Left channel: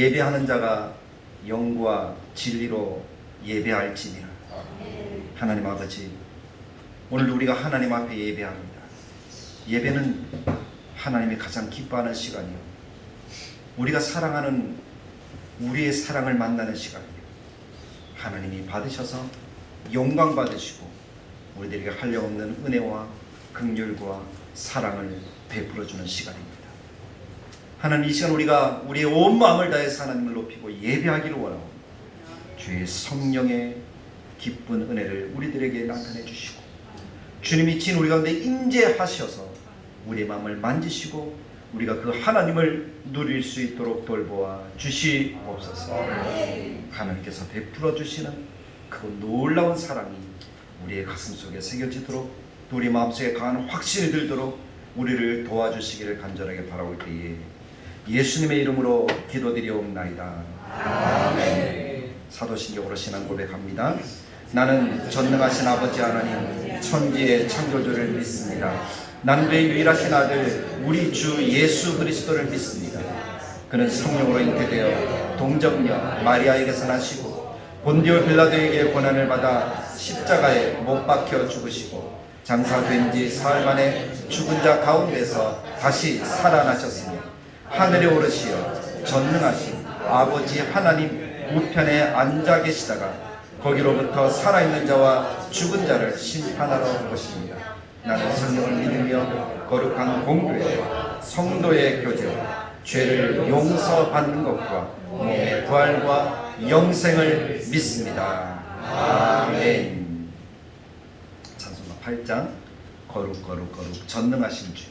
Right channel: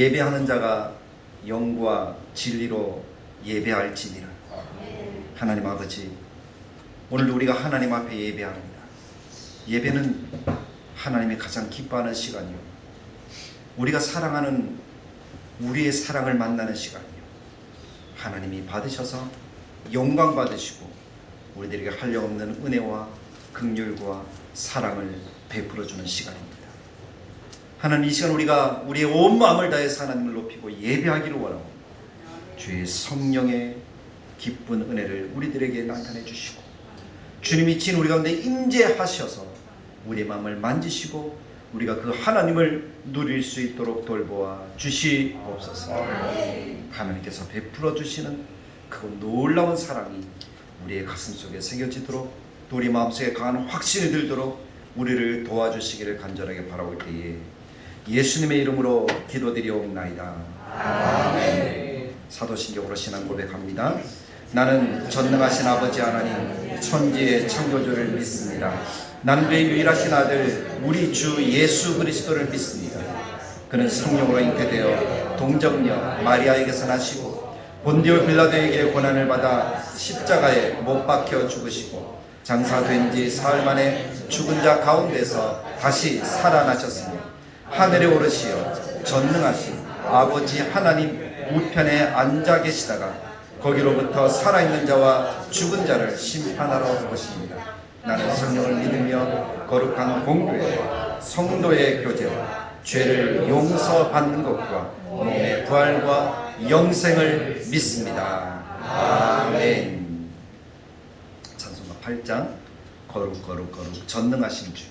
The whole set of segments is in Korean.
예배하는 자가 영과 진리로 예배할지니라. 하나님 아버지, 오늘 우리가 하나님 앞에 예배합니다. 예배는 하나님이 가장 기뻐하는 시간이요, 우리가 사랑하는 우리의 사랑을 만나는 시간이요, 하나님이 받으셔서 영광 받으시고 우리들에게 한량없는 은혜와 긍휼과 사랑을 베풀어주는 시간입니다. 하나님, 이 시간 우리가 우리의 온 마음을 다해서 하나님을 높이고 예배하기를 원합니다. 주의 성령의 기쁜 은혜를 우리들에게 나타내 주시고, 주님이 진 우리 가운데 임재하셔서 우리의 마음을 만지시고 우리가 그 하나님을 누릴 수 있도록 돌보아 주시옵소서. 하나님께서 베풀어 주시는 그 놀라운 사랑이 우리의 가슴 속에 새겨지도록, 또 우리 마음속에 강한 확신이 들도록 우리를 도와주시기를 간절하게 바라올 때에 예수님의 이름으로 기도드리옵나이다. 아멘. 사도신경으로 신앙 고백합니다. 나는 전능하신 아버지 하나님 천지의 창조주를 믿습니다. 나는 그의 유일하신 아들 우리 주 예수 그리스도를 믿습니다. 그는 성령으로 잉태되어 동정녀 마리아에게서 나시고 본디오 빌라도에게 고난을 받아 십자가에 못 박혀 죽으시고 장사된 지 사흘 만에 죽은 자 가운데서 다시 살아나셨으며 하늘에 오르시어 전능하신 아버지 하나님 우편에 앉아 계시다가 거기로부터 살아있는 자와 죽은 자를 심판하러 올 것입니다. 나는 성령을 믿으며 거룩한 공교회 성도의 교제와 죄를 용서받는 것과 몸의 부활과 영생을 믿습니다. 아멘. 찬송가 8장 거룩 거룩 거룩 전능하신 주.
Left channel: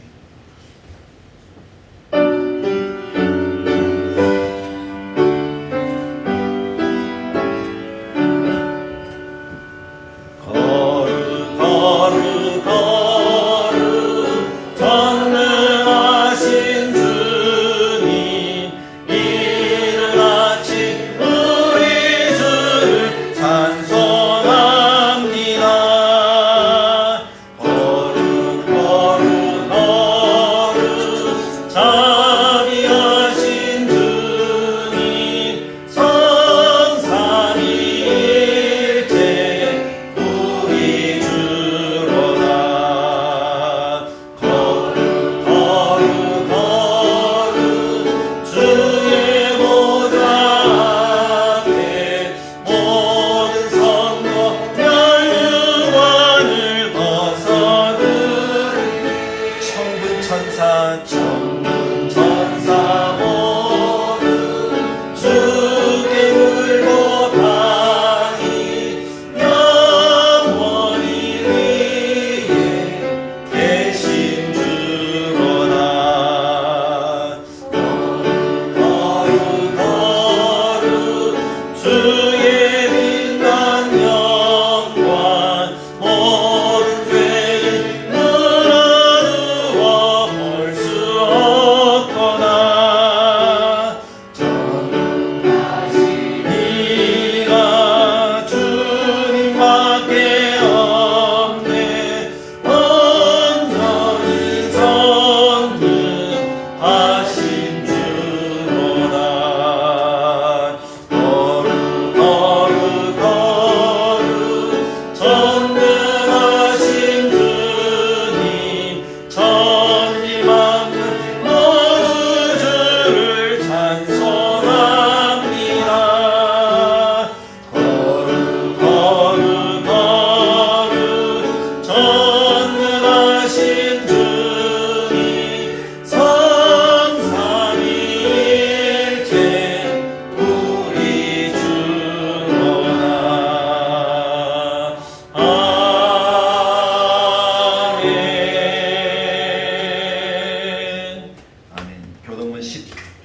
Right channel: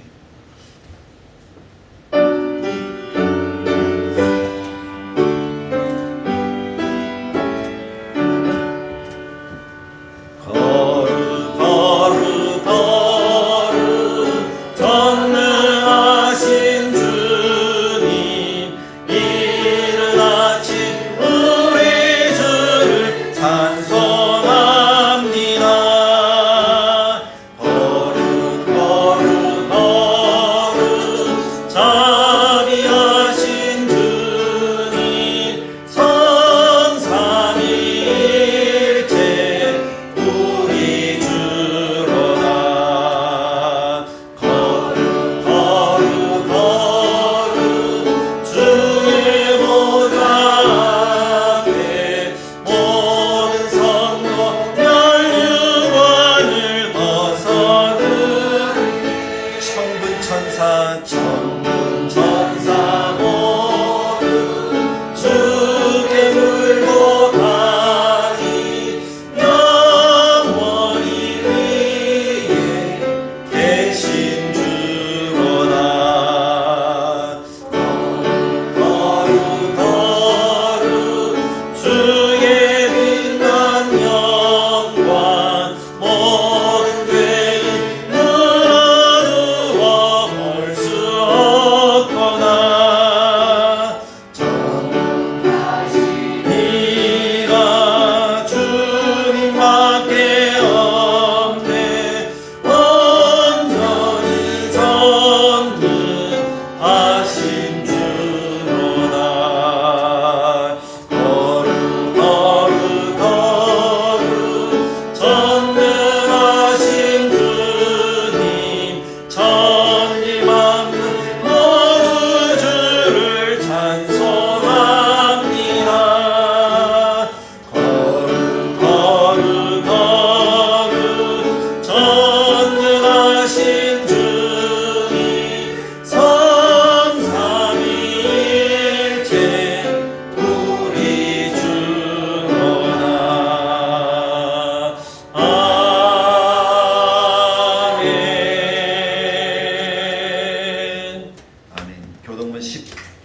교동문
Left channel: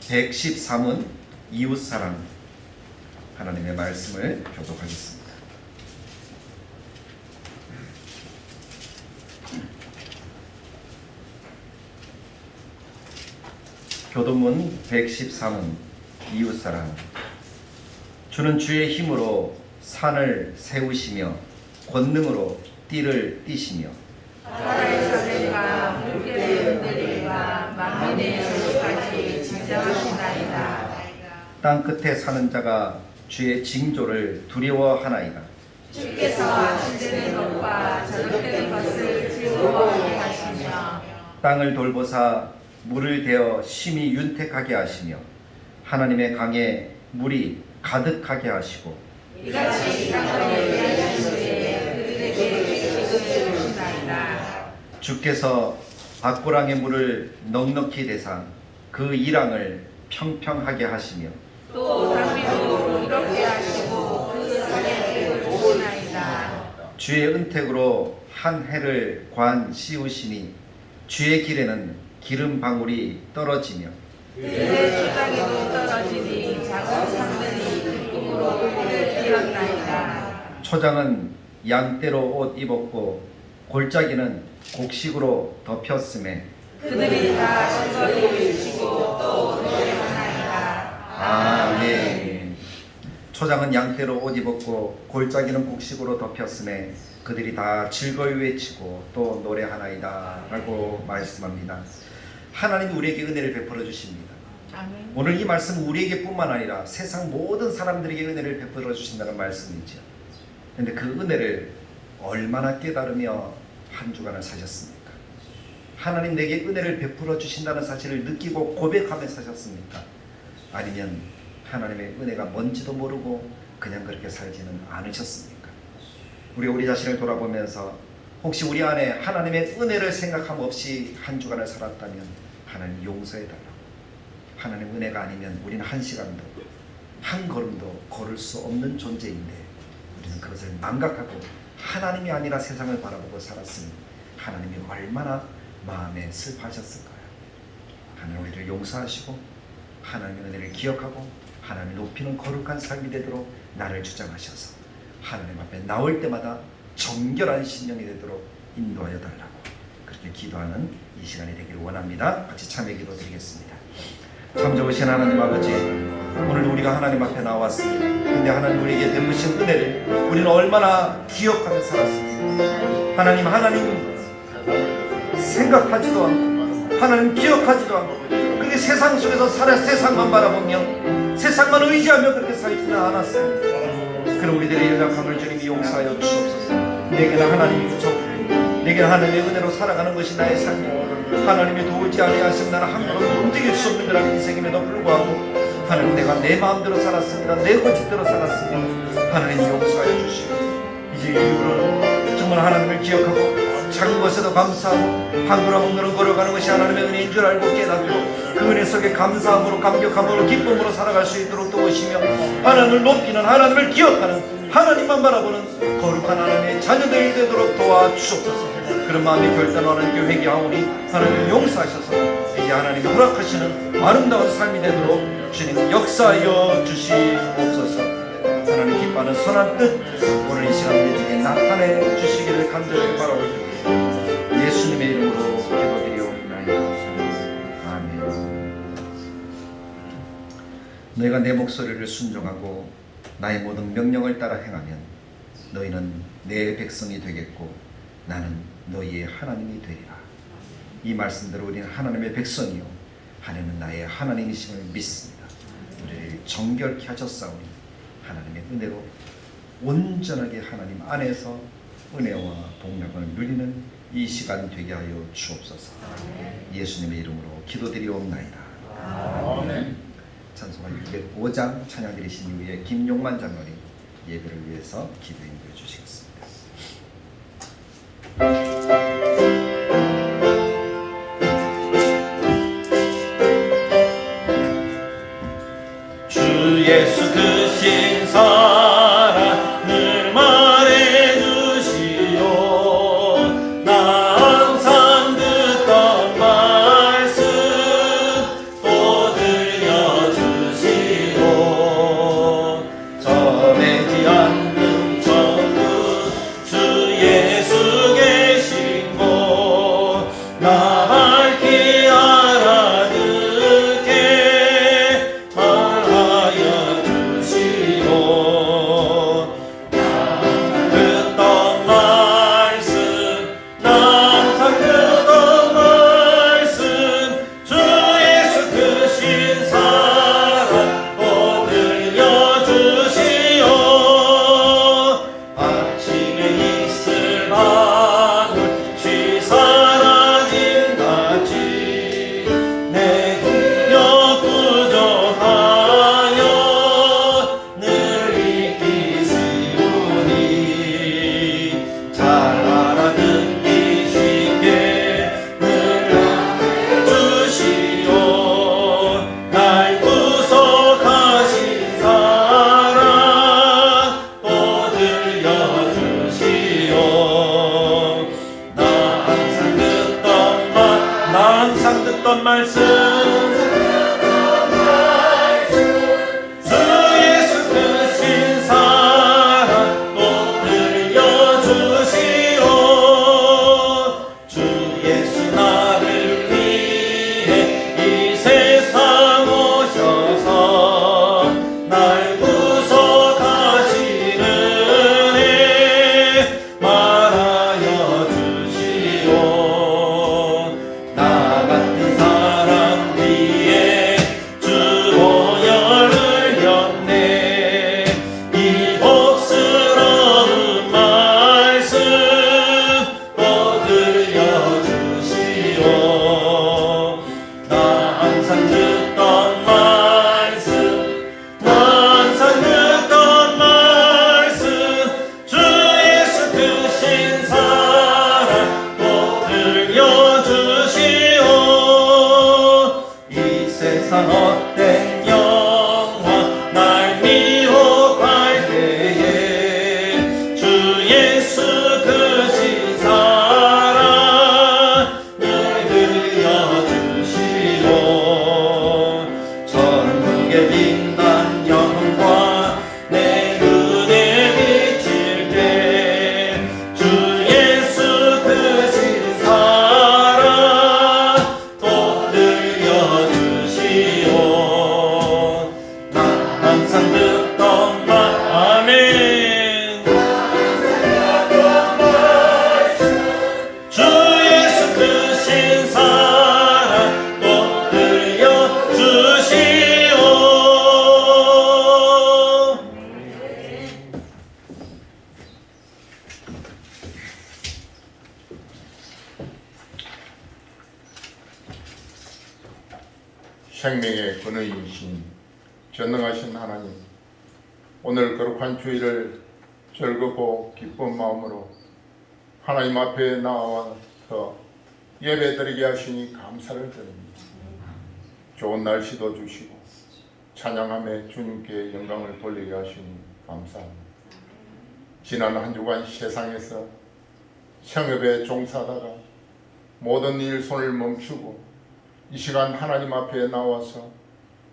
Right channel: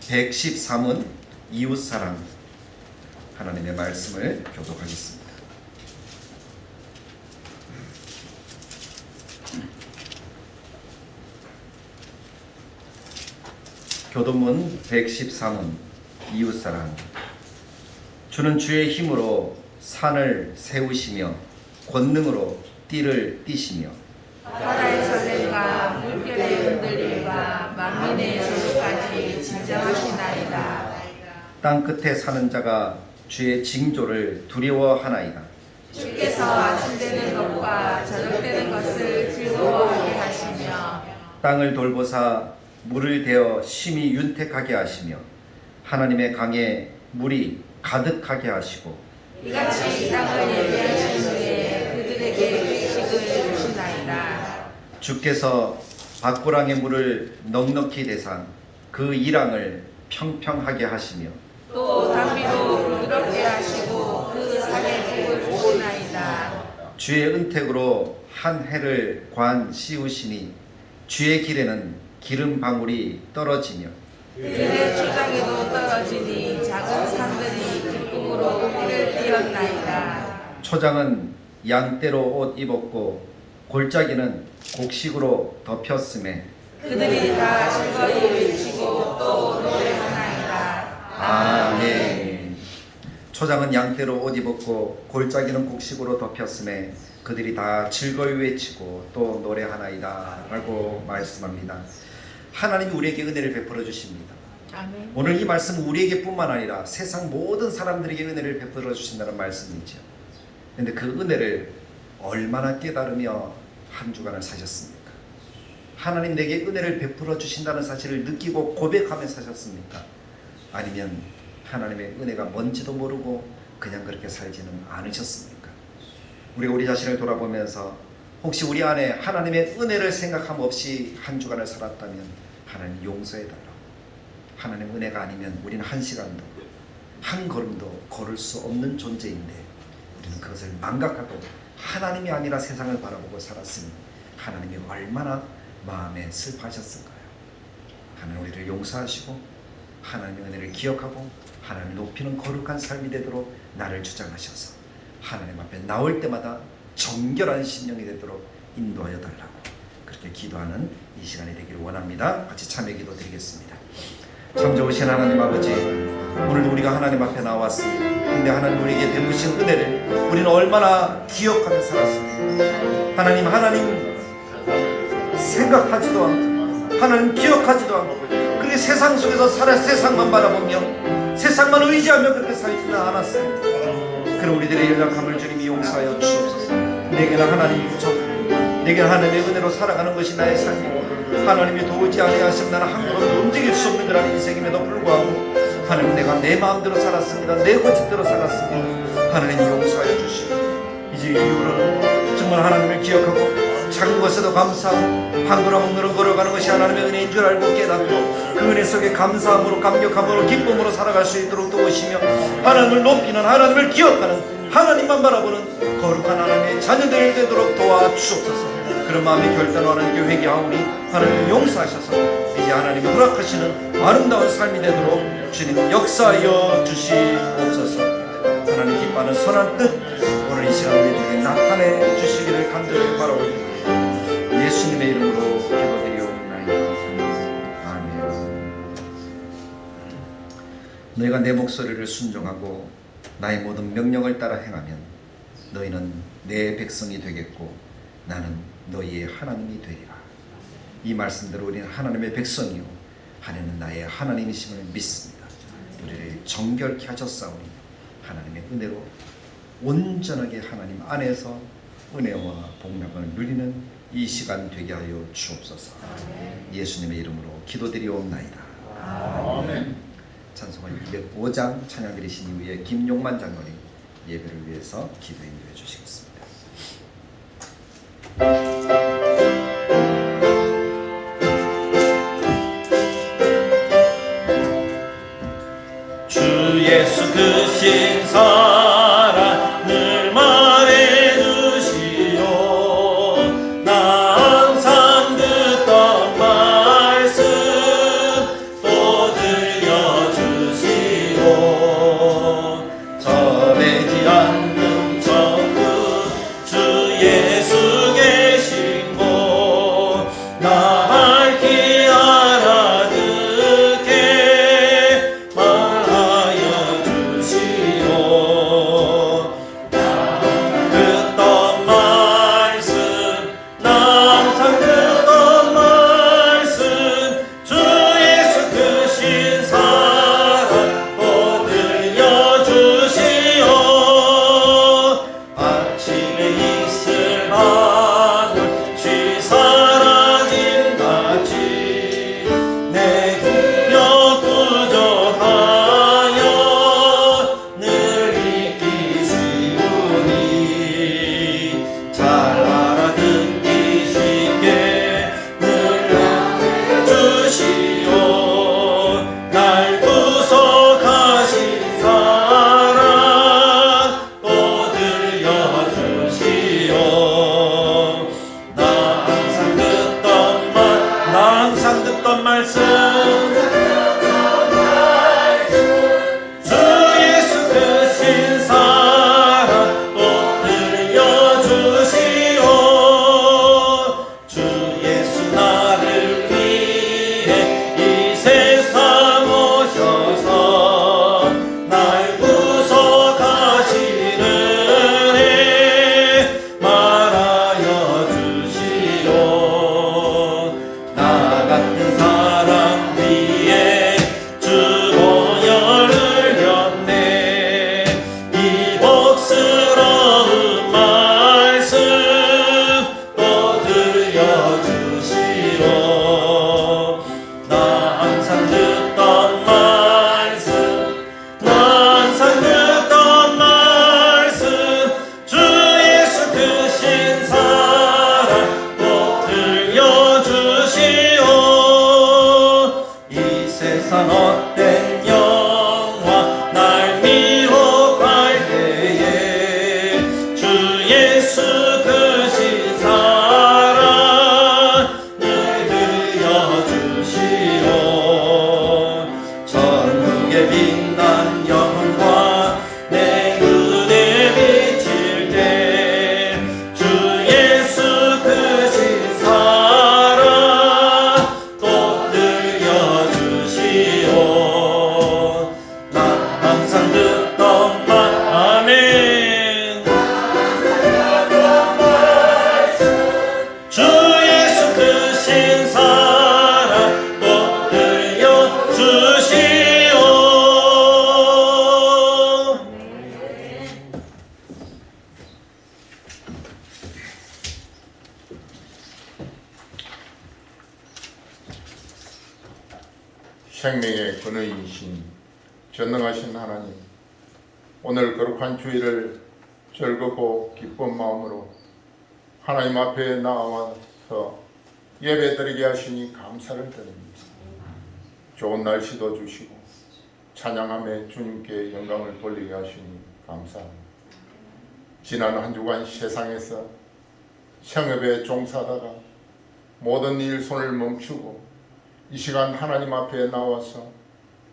113은 이웃사랑, 하나님의 말씀을 교독하겠습니다. 교동문 113은 이웃사랑. 주는 주의 힘으로 산을 세우시며 권능으로 띠를 띠시며 바다에서 내가 물결에 흔들리가 만민의 소리까지 진정하시나이다. 땅 끝에 사는 자가 주의 징조를 두려워하나이다. 주께서 주되는 것과 저녁되는 것을 즐거워하게 하시며 땅을 돌보사 물을 대어 심히 윤택하게 하시며 하나님의 강에 물이 가득하게 하시고 이같이 땅을 예배하시되 그들에게 지식을 주시나이다. 주께서 밭고랑의 물을 넉넉히 대사 그 이랑을 평평하게 하시며 또 담비도 부드럽게 하시고 그 산에 주시나이다. 주의 은택으로 한 해를 관 씌우시니 주의 길에는 기름 방울이 떨어지며 그들의 초장에도 떨어지니 작은 산들이 기쁨으로 꿀을 띄었나이다. 초장은 양떼로 옷 입었고 골짜기는 곡식으로 덮였음에 그들이 다 즐거이 외치고 또 노래하나이다. 아멘. 초장은 양떼로 옷 입었고 골짜기는 곡식으로 덮였음에 그들이 다 즐거이 외치고 또 노래하나이다 라고 말씀합니다. 하나님이 우리에게 은혜를 베풀어 주십니다. 아멘. 오늘 이 말씀은 우리에게 뿐만 아니라 세상 모든 사람들에게 은혜를 베풀어 주신다는 말씀이죠. 그런데 그 은혜를 얼마나 깨달으며 한 주간을 사셨습니까? 하나님 내게 은혜를 베풀어 주신다는 사실을 느끼고 고백하며 사셨습니까? 아니면 하나님의 은혜가 뭔지도 모르고 그냥 그렇게 살지는 않으셨습니까? 우리가 우리 자신을 돌아보면서 혹시 우리 안에 하나님의 은혜를 생각함 없이 한 주간을 살았다면 하나님 용서해달라고. 하나님 은혜가 아니면 우리는 한 시간도 한 걸음도 걸을 수 없는 존재인데 우리는 그것을 망각하고 하나님이 아니라 세상을 바라보고 살았으니 하나님이 얼마나 마음에 슬퍼하셨을까요? 하나님 우리를 용서하시고 하나님의 은혜를 기억하고 하나님을 높이는 거룩한 삶이 되도록 나를 주장하셔서 하나님 앞에 나올 때마다 정결한 신령이 되도록 인도하여 달라고 그렇게 기도하는 이 시간이 되기를 원합니다. 같이 참여 기도 드리겠습니다. 참 좋으신 하나님 아버지, 오늘 우리가 하나님 앞에 나왔습니다. 근데 하나님 우리에게 베푸신 은혜를 우리는 얼마나 기억하며 살았습니까? 하나님 생각하지도 않고 하나님 기억하지도 않고 그렇게 세상 속에서 살아 세상만 바라보며 세상만 의지하며 그렇게 살지는 않았습니다. 그런 우리들의 연약함을 주님이 용서하여 주시옵소서. 내게는 하나님이 부족하고 내게는 하나님의 은혜로 살아가는 것이 나의 삶이고 하나님이 도우지 아니하시면 나는 한 걸음도 움직일 수 없는 그런 인생임에도 불구하고 하나님 내가 내 마음대로 살았습니다. 내 고집대로 살았습니다. 하나님 용서하여 주시고 이제 이후로 정말 하나님을 기억하고 작은 것에도 감사하고 한 걸음 한 걸음 걸어가는 것이 하나님의 은혜인 줄 알고 깨닫고 그 은혜 속에 감사함으로 감격함으로 기쁨으로 살아갈 수 있도록 도우시며 하나님을 높이는 하나님을 기억하는 하나님만 바라보는 거룩한 하나님의 자녀들이 되도록 도와주옵소서. 그런 마음의 결단을 하나님께 회개하오니 하나님을 용서하셔서 이제 하나님이 허락하시는 아름다운 삶이 되도록 주님 역사하여 주시옵소서. 하나님 기뻐하는 선한 뜻 오늘 이 시간 우리에게 나타내 주시기를 간절히 바라옵니다. 예수님의 이름으로 기도드리옵나이다. 아멘. 너희가 내 목소리를 순종하고 나의 모든 명령을 따라 행하면 너희는 내 백성이 되겠고 나는 너희의 하나님이 되리라. 이 말씀대로 우리는 하나님의 백성이요 하나님은 나의 하나님이심을 믿습니다. 우리를 정결케 하셨사오니 하나님의 은혜로 온전하게 하나님 안에서 은혜와 복락을 누리는 이 시간 되게 하여 주옵소서. 예수님의 이름으로 기도드리옵나이다. 아멘. 찬송가 605장 찬양 드리신 이후에 김용만 장로님 예배를 위해서 기도 인도해 주시겠습니다. 주 예수 그 신사랑 늘 말해주시오. 나 항상 듣던 말씀 또 들려주시오. 전해지 않는 천국 들려주시오. 나 항상 듣던 말씀, 나 항상 듣던 말씀, 주 예수 크신 사랑 꼭 들려주시오. 이 세상 헛된 영화 날 미혹할 때에 주 예수 크신 사랑 늘 들려주시오. 천국의 빛난 영광 내 눈에 비칠 때 주 예수 크신 사랑 꼭 들려주시오. 나 항상 듣던 말 아멘. 주 예수 크신 사랑 꼭 들려주시오. 생명의 근원이신 전능하신 하나님, 오늘 거룩한 주일을 즐겁고 기쁜 마음으로 하나님 앞에 나와서 예배드리게 하시니 감사를 드립니다. 좋은 날씨도 주시고 찬양함에 주님께 영광을 돌리게 하시니 감사합니다. 지난 한 주간 세상에서 생업에 종사하다가 모든 일 손을 멈추고 이 시간 하나님 앞에 나와서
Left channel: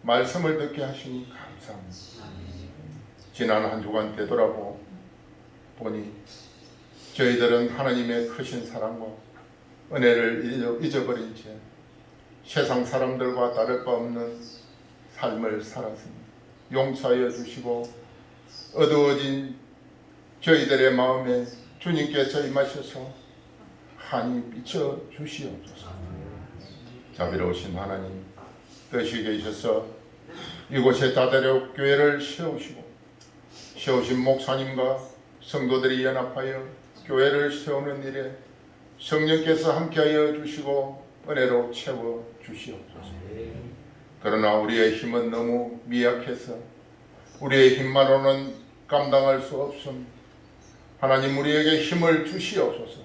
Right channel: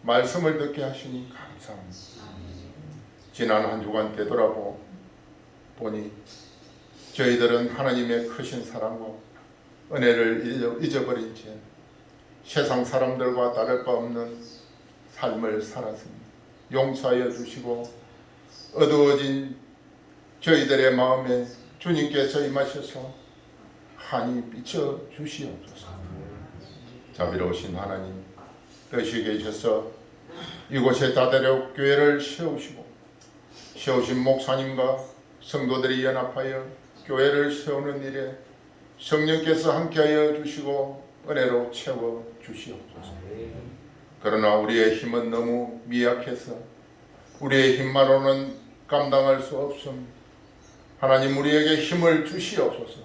말씀을 듣게 하시니 감사합니다. 지난 한 주간 되돌아보니 저희들은 하나님의 크신 사랑과 은혜를 잊어버린 채 세상 사람들과 다를 바 없는 삶을 살았습니다. 용서하여 주시고 어두워진 저희들의 마음에 주님께서 임하셔서 환히 비춰 주시옵소서. 자비로우신 하나님, 뜻이 계셔서 이곳에 다대로 교회를 세우신 목사님과 성도들이 연합하여 교회를 세우는 일에 성령께서 함께하여 주시고 은혜로 채워 주시옵소서. 그러나 우리의 힘은 너무 미약해서 우리의 힘만으로는 감당할 수 없음. 하나님, 우리에게 힘을 주시옵소서.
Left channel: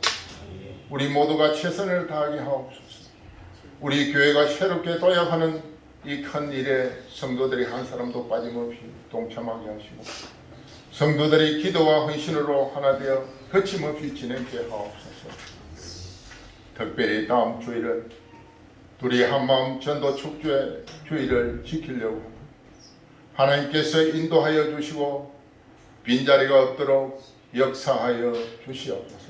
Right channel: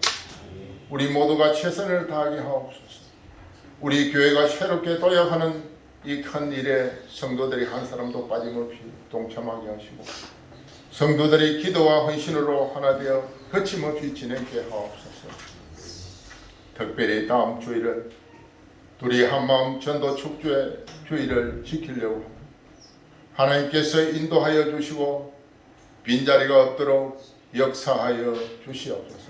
우리 모두가 최선을 다하게 하옵소서. 우리 교회가 새롭게 도약하는 이 큰 일에 성도들이 한 사람도 빠짐없이 동참하게 하시고 성도들이 기도와 헌신으로 하나 되어 거침없이 진행케 하옵소서. 특별히 다음 주일은 둘이 한마음 전도 축제 주일을 지키려고 하나님께서 인도하여 주시고 빈자리가 없도록 역사하여 주시옵소서.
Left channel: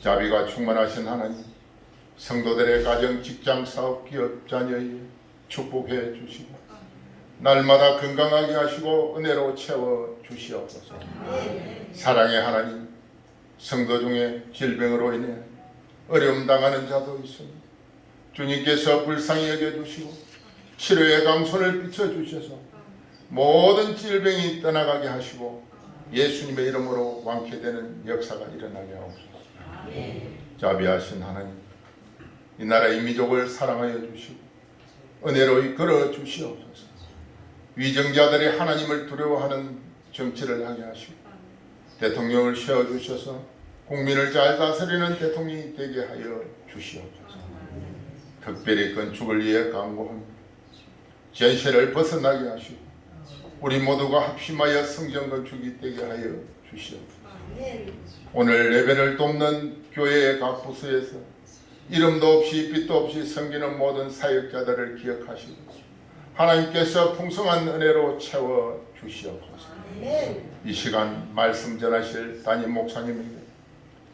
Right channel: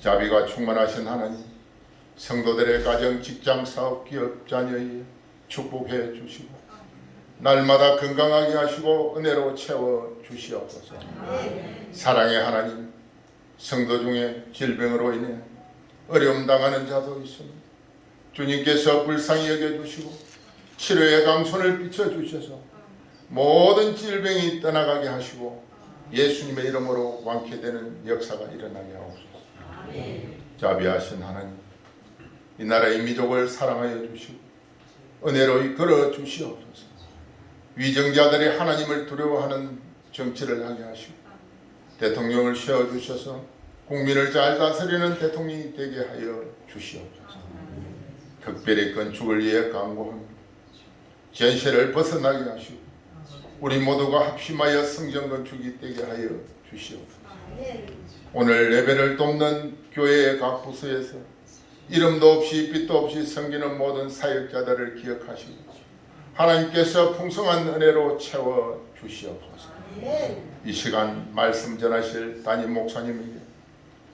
자비가 충만하신 하나님, 성도들의 가정, 직장, 사업, 기업, 자녀에 축복해 주시고 날마다 건강하게 하시고 은혜로 채워 주시옵소서. 사랑의 하나님, 성도 중에 질병으로 인해 어려움 당하는 자도 있습니다. 주님께서 불쌍히 여겨주시고 치료의 강손을 비춰주셔서 모든 질병이 떠나가게 하시고 예수님의 이름으로 완쾌되는 역사가 일어나게 하옵소서. 자비하신 하나님, 이 나라의 민족을 사랑하여 주시고 은혜로 이끌어 주시옵소서. 위정자들이 하나님을 두려워하는 정치를 하게 하시고 대통령을 세워주셔서 국민을 잘 다스리는 대통령이 되게 하여 주시옵소서. 특별히 건축을 위해 강구합니다. 전세를 벗어나게 하시고 우리 모두가 합심하여 성전 건축이 되게 하여 주시옵소서. 오늘 예배를 돕는 교회의 각 부서에서 이름도 없이 빛도 없이 섬기는 모든 사역자들을 기억하시고 하나님께서 풍성한 은혜로 채워 주시옵소서. 이 시간 말씀 전하실 담임 목사님에게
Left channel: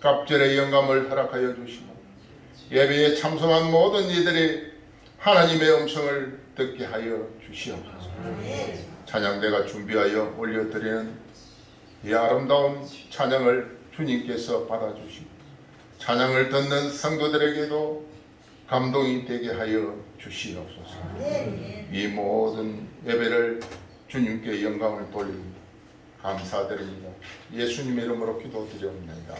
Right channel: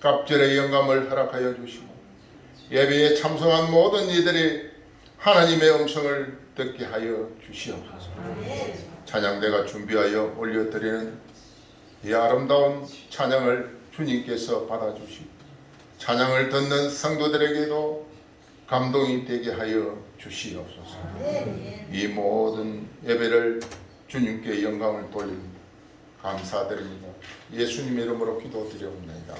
갑절의 영감을 허락하여 주시고 예배에 참석한 모든 이들이 하나님의 음성을 듣게 하여 주시옵소서. 찬양대가 준비하여 올려드리는 이 아름다운 찬양을 주님께서 받아주시고 찬양을 듣는 성도들에게도 감동이 되게 하여 주시옵소서. 이 모든 예배를 주님께 영광을 돌립니다. 감사드립니다. 예수님 이름으로 기도드려옵나이다.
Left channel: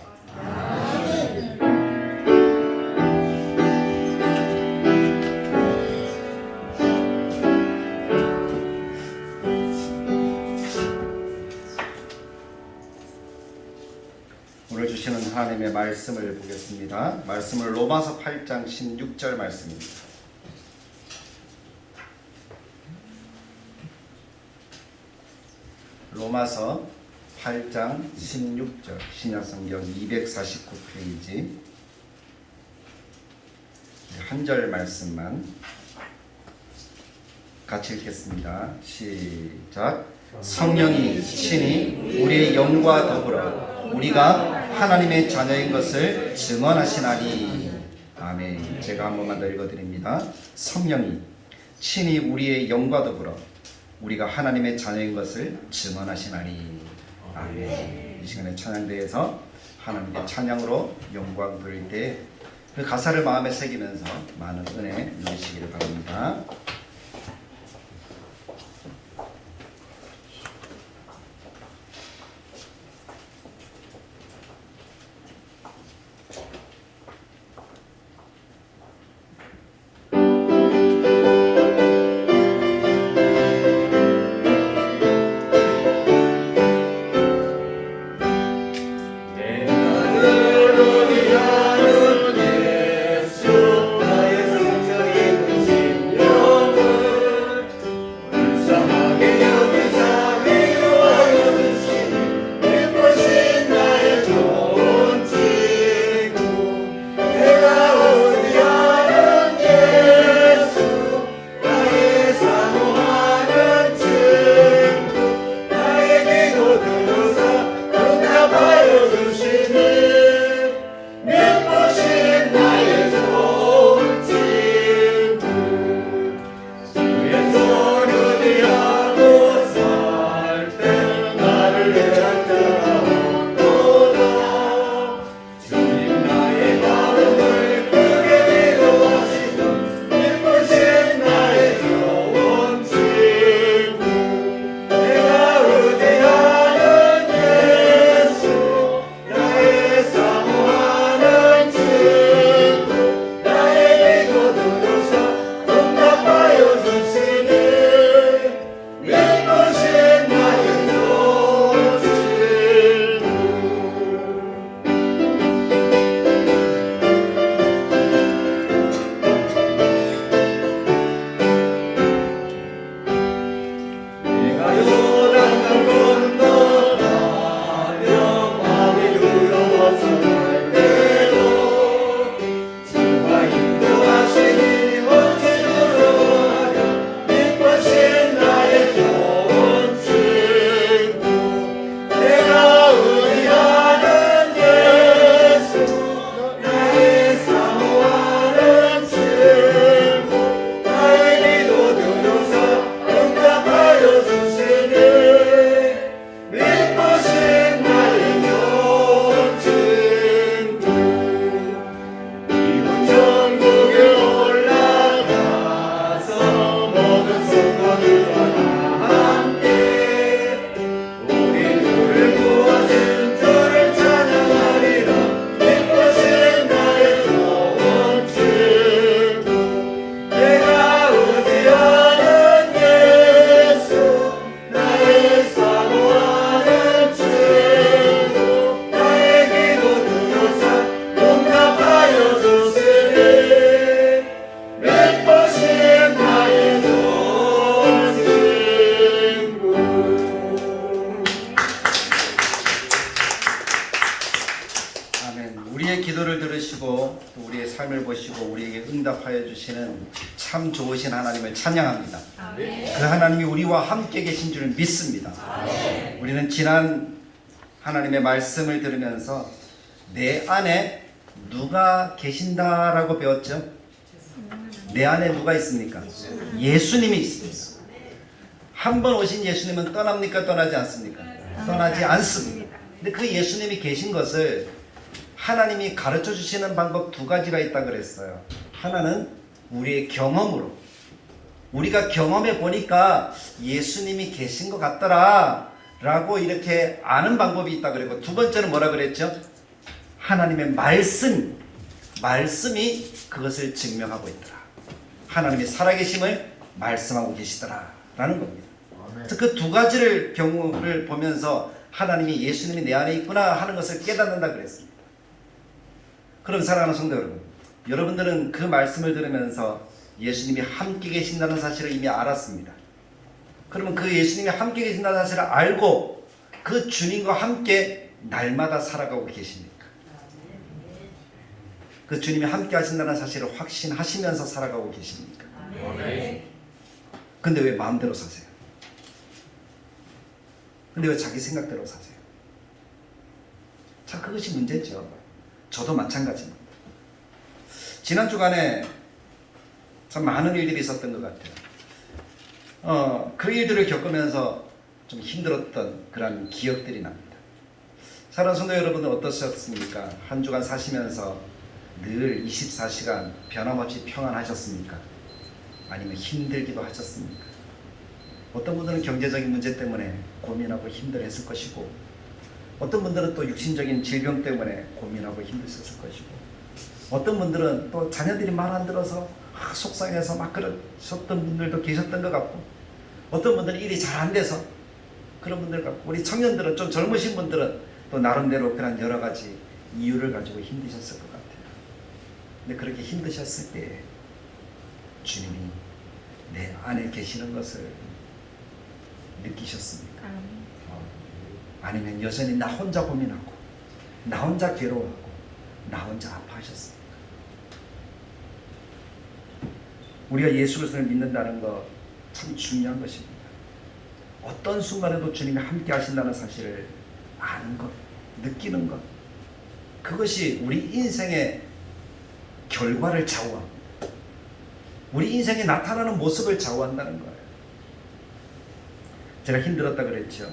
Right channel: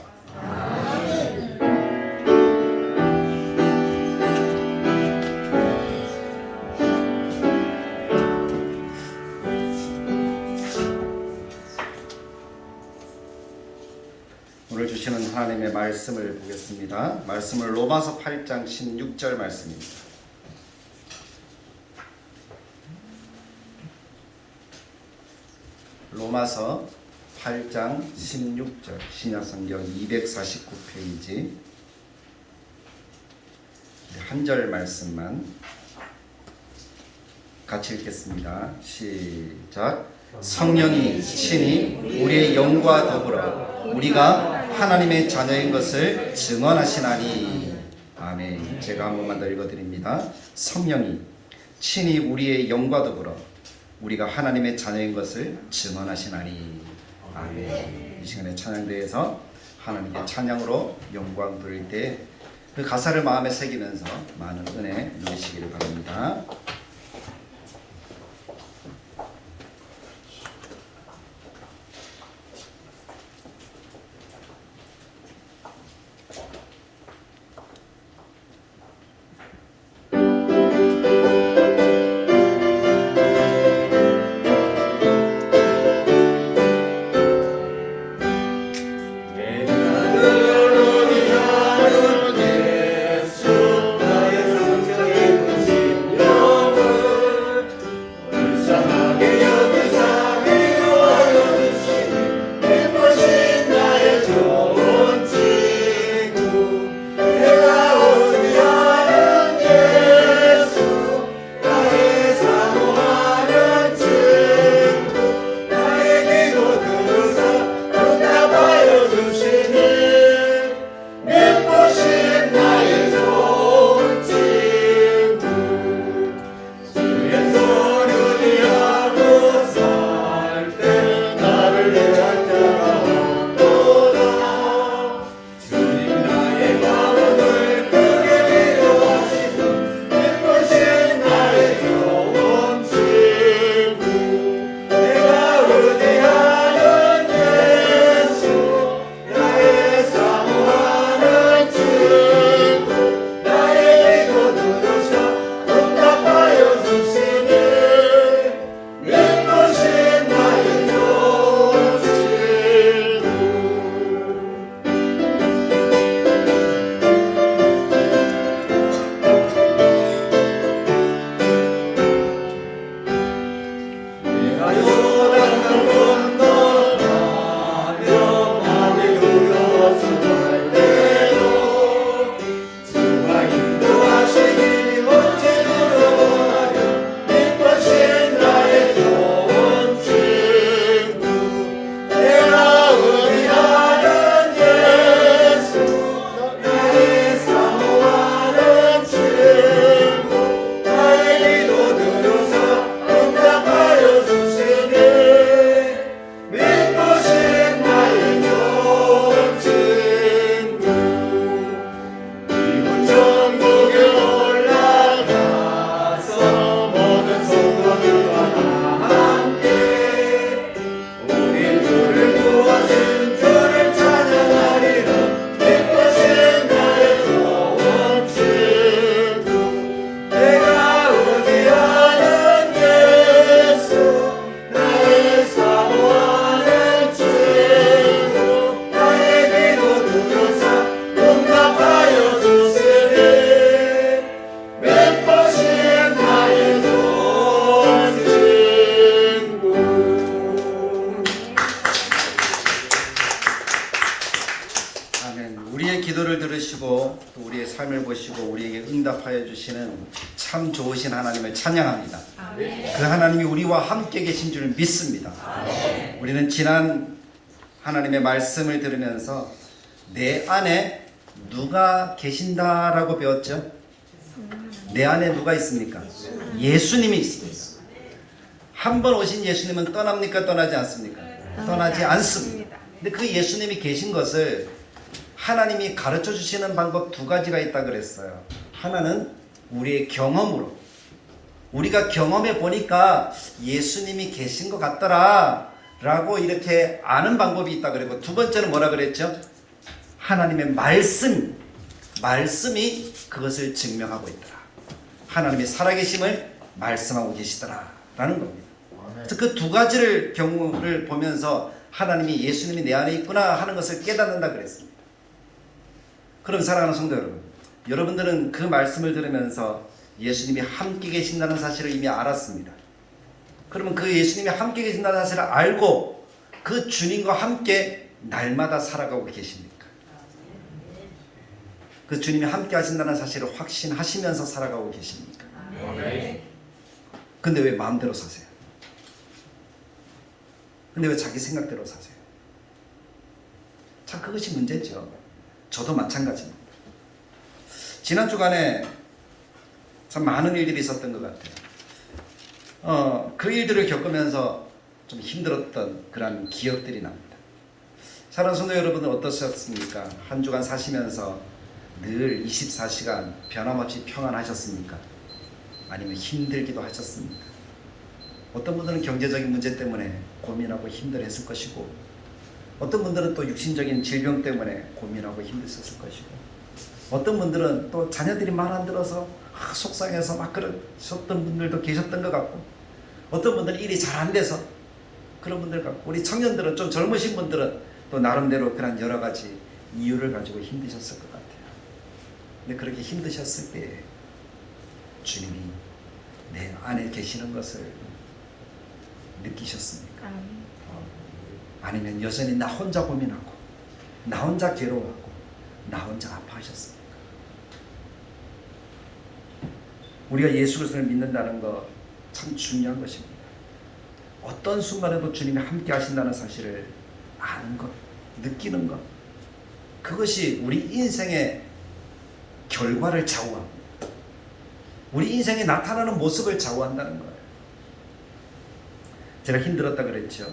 하나님의 말씀을 보겠습니다. 말씀을 로마서 8장 16절 말씀입니다. 로마서 8장 16절 신약성경 249페이지 한 절 말씀만 같이 읽겠습니다. 시작. 성령이 친히 우리의 영과 더불어 우리가 하나님의 자녀인 것을 증언하시나니. 아멘. 제가 한 번만 더 읽어드립니다. 성령이 친히 우리의 영과 더불어 우리가 하나님의 자녀인 것을 증언하시나니. 아멘. 이 시간에 찬양대에서 하나님께 찬양으로 영광 돌릴 때 그 가사를 마음에 새기면서 많은 은혜 누리시기를 바랍니다. 응답하여 주시는 참 좋으신 하나님을 찬양합니다. 그 하나님이 우리와 함께 계신 줄 믿습니다. 우리는 지난 하나님의 말씀을 들으면서 내 안에 누가 계신다라고 배웠죠? 내 안에 누가 있습니까? 예수님이 있습니다. 한 번 오신 예수님은 떠납니까? 떠나지 않습니까? 떠나지 않습니다. 근데 그 예수님이 계신 것을 하나님이 가르쳐 주시는 방법 두 가지가 있다 그랬어요. 하나는 우리의 경험으로, 우리가 경험해 보니까 예수님이 계신 것 같더라 라고 이렇게 아는 방법이 있다 그랬고, 두 번째는 뭐라 그랬죠? 하나님의 말씀이 그것을 증명하고 있더라. 하나님의 살아계심을 말씀하고 계시더라 라는 겁니다. 그래서 그 두 가지를 경우를 보면서 하나님이 예수님이 내 안에 있구나 하는 것을 깨닫는다 그랬습니다. 그럼 사랑하는 성도 여러분, 여러분들은 그 말씀을 들으면서 예수님이 함께 계신다는 사실을 이미 알았습니다. 그러면 그 예수님이 함께 계신다는 사실을 알고 그 주님과 함께 날마다 살아가고 계십니까? 그 주님이 함께 하신다는 사실을 확신하시면서 살아가고 계십니까? 근데 왜 마음대로 사세요? 근데 왜 자기 생각대로 사세요? 참 그것이 문제죠. 저도 마찬가지입니다. 지난 주간에 참 많은 일들이 있었던 것 같아요. 그 일들을 겪으면서 좀 힘들었던 그런 기억들이 납니다. 사랑하는 성도 여러분은 어떠셨습니까? 한 주간 사시면서 늘 24시간 변함없이 평안하셨습니까? 아니면 힘들기도 하셨습니까? 어떤 분들은 경제적인 문제 때문에 고민하고 힘들었을 것이고, 어떤 분들은 또 육신적인 질병 때문에 고민하고 힘드셨을 것이고, 어떤 분들은 또 자녀들이 말 안 들어서 속상해서 막 그러셨던 분들도 계셨던 것 같고, 어떤 분들은 일이 잘 안 돼서 그런 분들 같고, 우리 청년들은 좀 젊으신 분들은 또 나름대로 그런 여러 가지 이유를 가지고 힘드셨을 것 같아요. 근데 그렇게 힘드셨을 때 주님이 내 안에 계시는 것을 느끼셨습니까? 아니면 여전히 나 혼자 고민하고 나 혼자 괴로워하고 나 혼자 아파하셨습니까? 우리가 예수 그리스도를 믿는다는 거 참 중요한 것입니다. 어떤 순간에도 주님이 함께 하신다는 사실을 아는 것, 느끼는 것, 그것이 우리 인생의 결과를 좌우합니다. 우리 인생이 나타나는 모습을 좌우한다는 거예요. 제가 힘들었다 그랬죠.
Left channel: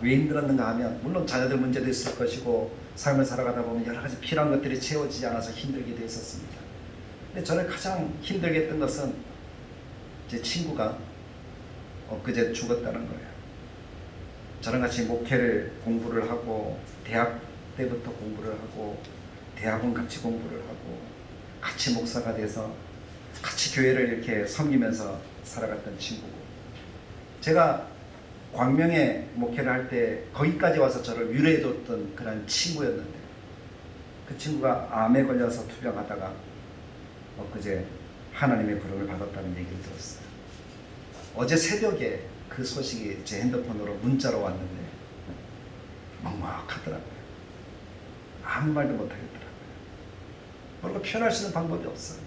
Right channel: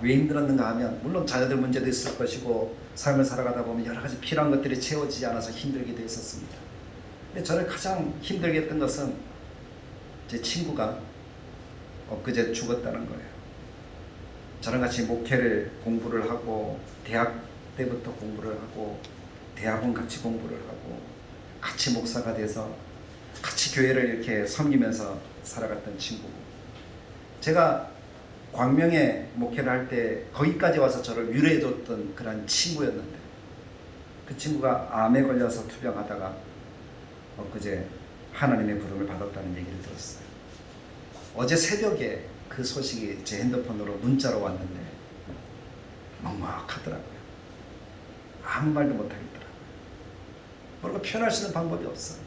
왜 힘들었는가 하면 물론 자녀들 문제도 있을 것이고 삶을 살아가다 보면 여러 가지 필요한 것들이 채워지지 않아서 힘들기도 했었습니다. 근데 저를 가장 힘들게 했던 것은 제 친구가 엊그제 죽었다는 거예요. 저랑 같이 목회를 공부를 하고 대학 때부터 공부를 하고 대학원 같이 공부를 하고 같이 목사가 돼서 같이 교회를 이렇게 섬기면서 살아갔던 친구고, 제가 광명에 목회를 할 때 거기까지 와서 저를 위로해줬던 그런 친구였는데, 그 친구가 암에 걸려서 투병하다가 엊그제 하나님의 부름을 받았다는 얘기를 들었어요. 어제 새벽에 그 소식이 제 핸드폰으로 문자로 왔는데 막막하더라고요. 아무 말도 못하겠더라고요. 뭐라고 표현할 수 있는 방법이 없어요.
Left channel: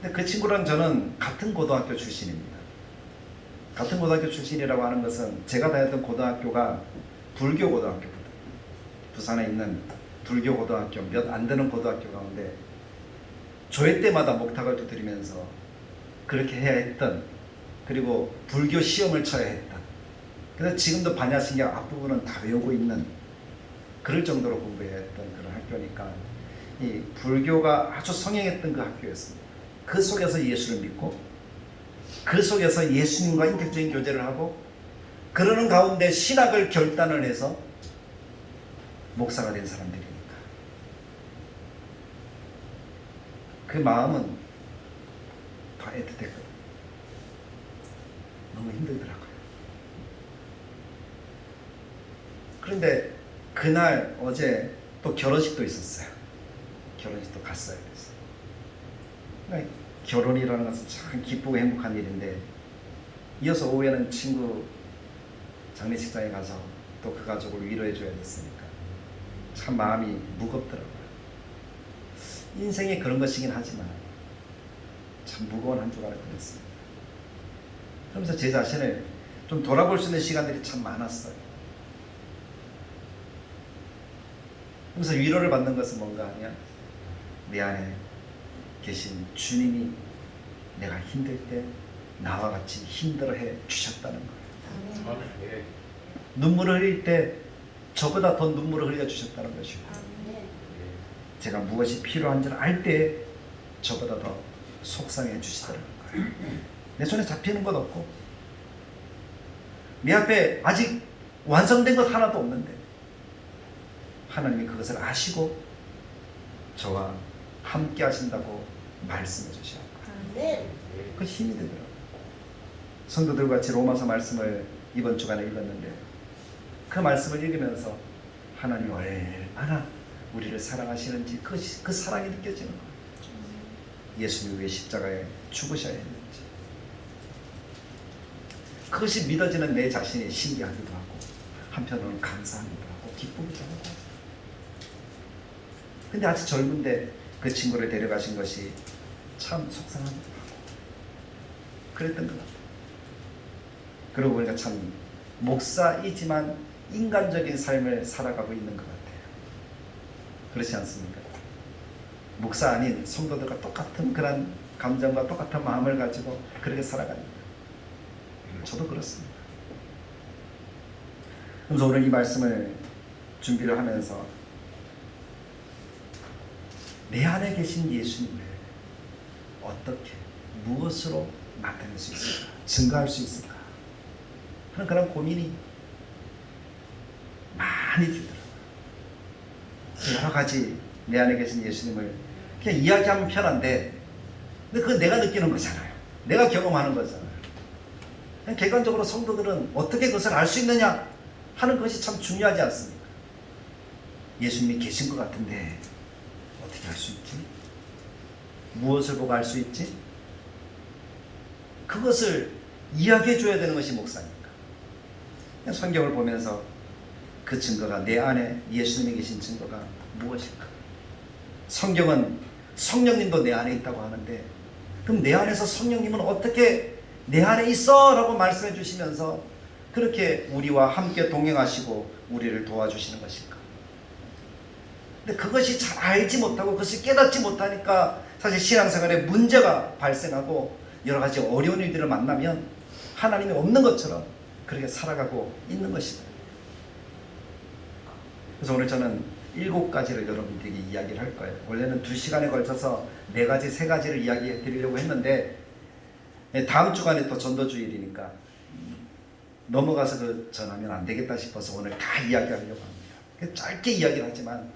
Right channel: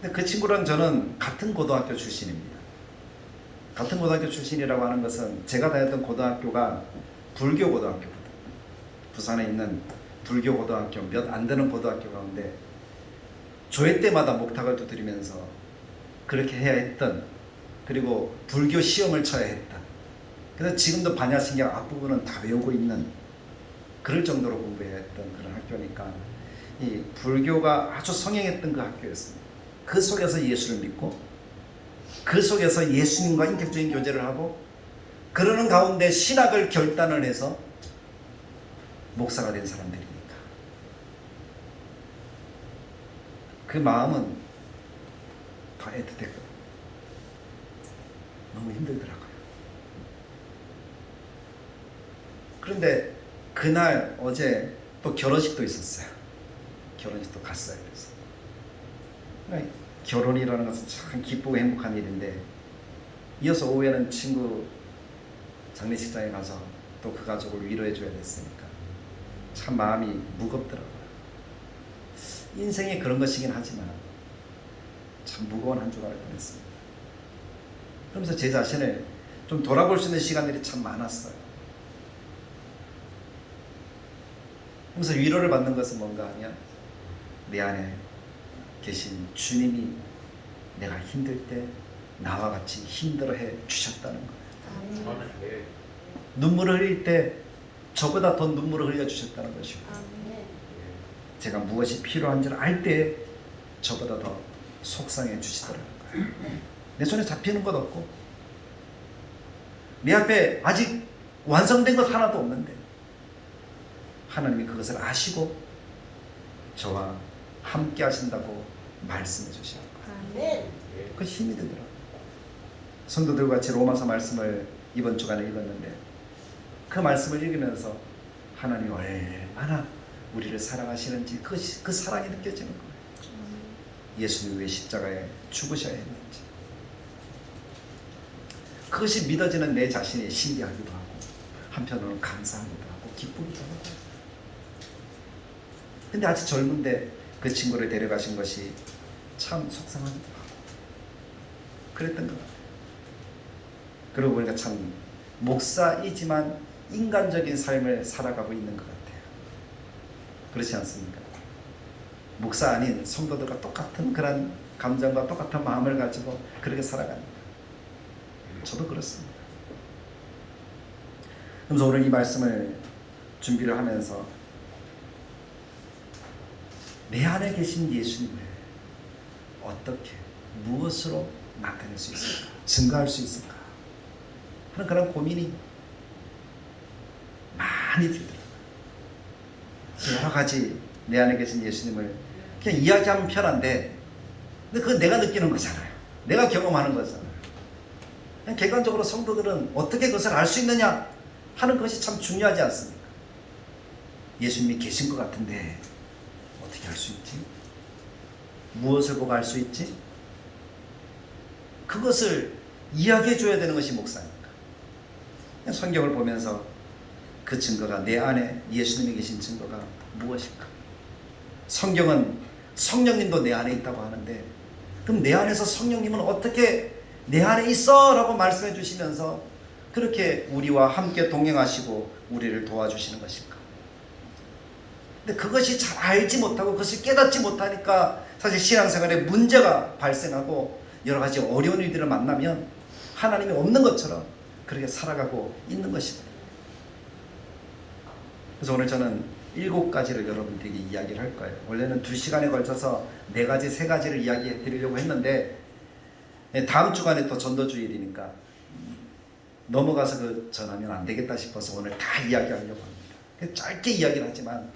근데 그 친구랑 저는 같은 고등학교 출신입니다. 같은 고등학교 출신이라고 하는 것은 제가 다녔던 고등학교가 불교 고등학교거든요. 부산에 있는 불교 고등학교, 몇 안 되는 고등학교 가운데 조회 때마다 목탁을 두드리면서 그렇게 해야 했던, 그리고 불교 시험을 쳐야 했던, 그래서 지금도 반야신경 앞부분은 다 외우고 있는 그럴 정도로 공부해야 했던 그런 학교니까 이 불교가 아주 성행했던 그 학교였습니다. 그 속에서 예수를 믿고 그 속에서 예수님과 인격적인 교제를 하고 그러는 가운데 신학을 결단을 해서 목사가 된 사람들이니까 그 마음은 더 애틋했거든요. 너무 힘들더라고요. 그런데 그날 어제 또 결혼식도 있었어요. 결혼식도 갔어요. 그래서 결혼이라는 것은 참 기쁘고 행복한 일인데, 이어서 오후에는 친구 장례식장에 가서 또 그 가족을 위로해 줘야 됐으니까 참 마음이 무겁더라고요. 인생에 그런 것이긴 하지만 참 무거운 한 주가 될 뻔했습니다. 그러면서 제 자신을 좀 돌아볼 수 있는 시간들이 참 많았어요. 그래서 위로를 받는 것은 뭔가 하면 내 안에 계신 주님이 내가 힘들 때 나와 같이 힘들어해 주셨다는 거예요. 눈물을 흘릴 때 저보다 더 눈물을 흘려 주셨다는 것이고, 제가 무엇이 필요한지를 알 때 저보다 더 속상해 주시더라고요. 내 손에 잡히는 것 없고 내 앞에 아직 완성된 것 하나도 없는데 하나님이 그것을 아시고 저와 함께 하신다고 말씀해 주십니다. 그 힘이 되더라고요. 성도들과 같이 로마서 말씀을 이번 주간에 읽었는데 그 말씀을 읽으면서 하나님이 왜 얼마나 우리를 사랑하시는지 그 사랑이 느껴지는 거예요. 예수님 왜 십자가에 죽으셔야 했는지. 그것이 믿어지는 내 자신이 신기하기도 하고 한편으로는 감사하기도 하고 기쁘기도 하고. 근데 아직 젊은데 그 친구를 데려가신 것이 참 속상하기도 하고 그랬던 것 같아요. 그러고 보니까 참 목사이지만 인간적인 삶을 살아가고 있는 것 같아요. 그렇지 않습니까? 목사 아닌 성도들과 똑같은 그런 감정과 똑같은 마음을 가지고 그렇게 살아갑니다. 저도 그렇습니다. 그래서 오늘 이 말씀을 준비를 하면서 내 안에 계신 예수님을 어떻게 무엇으로 나타낼 수 있을까? 증거할 수 있을까? 하는 그런 고민이 많이 들더라고요. 여러 가지 내 안에 계신 예수님을 그냥 이야기하면 편한데 근데 그건 내가 느끼는 거잖아요. 내가 경험하는 거잖아요. 그냥 객관적으로 성도들은 어떻게 그것을 알 수 있느냐 하는 것이 참 중요하지 않습니까? 예수님이 계신 것 같은데 어떻게 알 수 있지? 무엇을 보고 알 수 있지? 그것을 이야기해 줘야 되는 것이 목사니까. 성경을 보면서 그 증거가 내 안에 예수님이 계신 증거가 무엇일까? 성경은 성령님도 내 안에 있다고 하는데 그럼 내 안에서 성령님은 어떻게 내 안에 있어? 라고 말씀해 주시면서 그렇게 우리와 함께 동행하시고 우리를 도와주시는 것일까? 근데 그것이 잘 알지 못하고 그것을 깨닫지 못하니까 사실 신앙생활에 문제가 발생하고 여러 가지 어려운 일들을 만나면 하나님이 없는 것처럼 그렇게 살아가고 있는 것입니다. 그래서 오늘 저는 7가지를 여러분들에게 이야기를 할 거예요. 원래는 2시간에 걸쳐서 4가지, 3가지를 이야기해 드리려고 했는데 다음 주간에 또 전도주일이니까 넘어가서 그 전하면 안 되겠다 싶어서 오늘 다 이야기하려고 합니다. 짧게 이야기를 하지만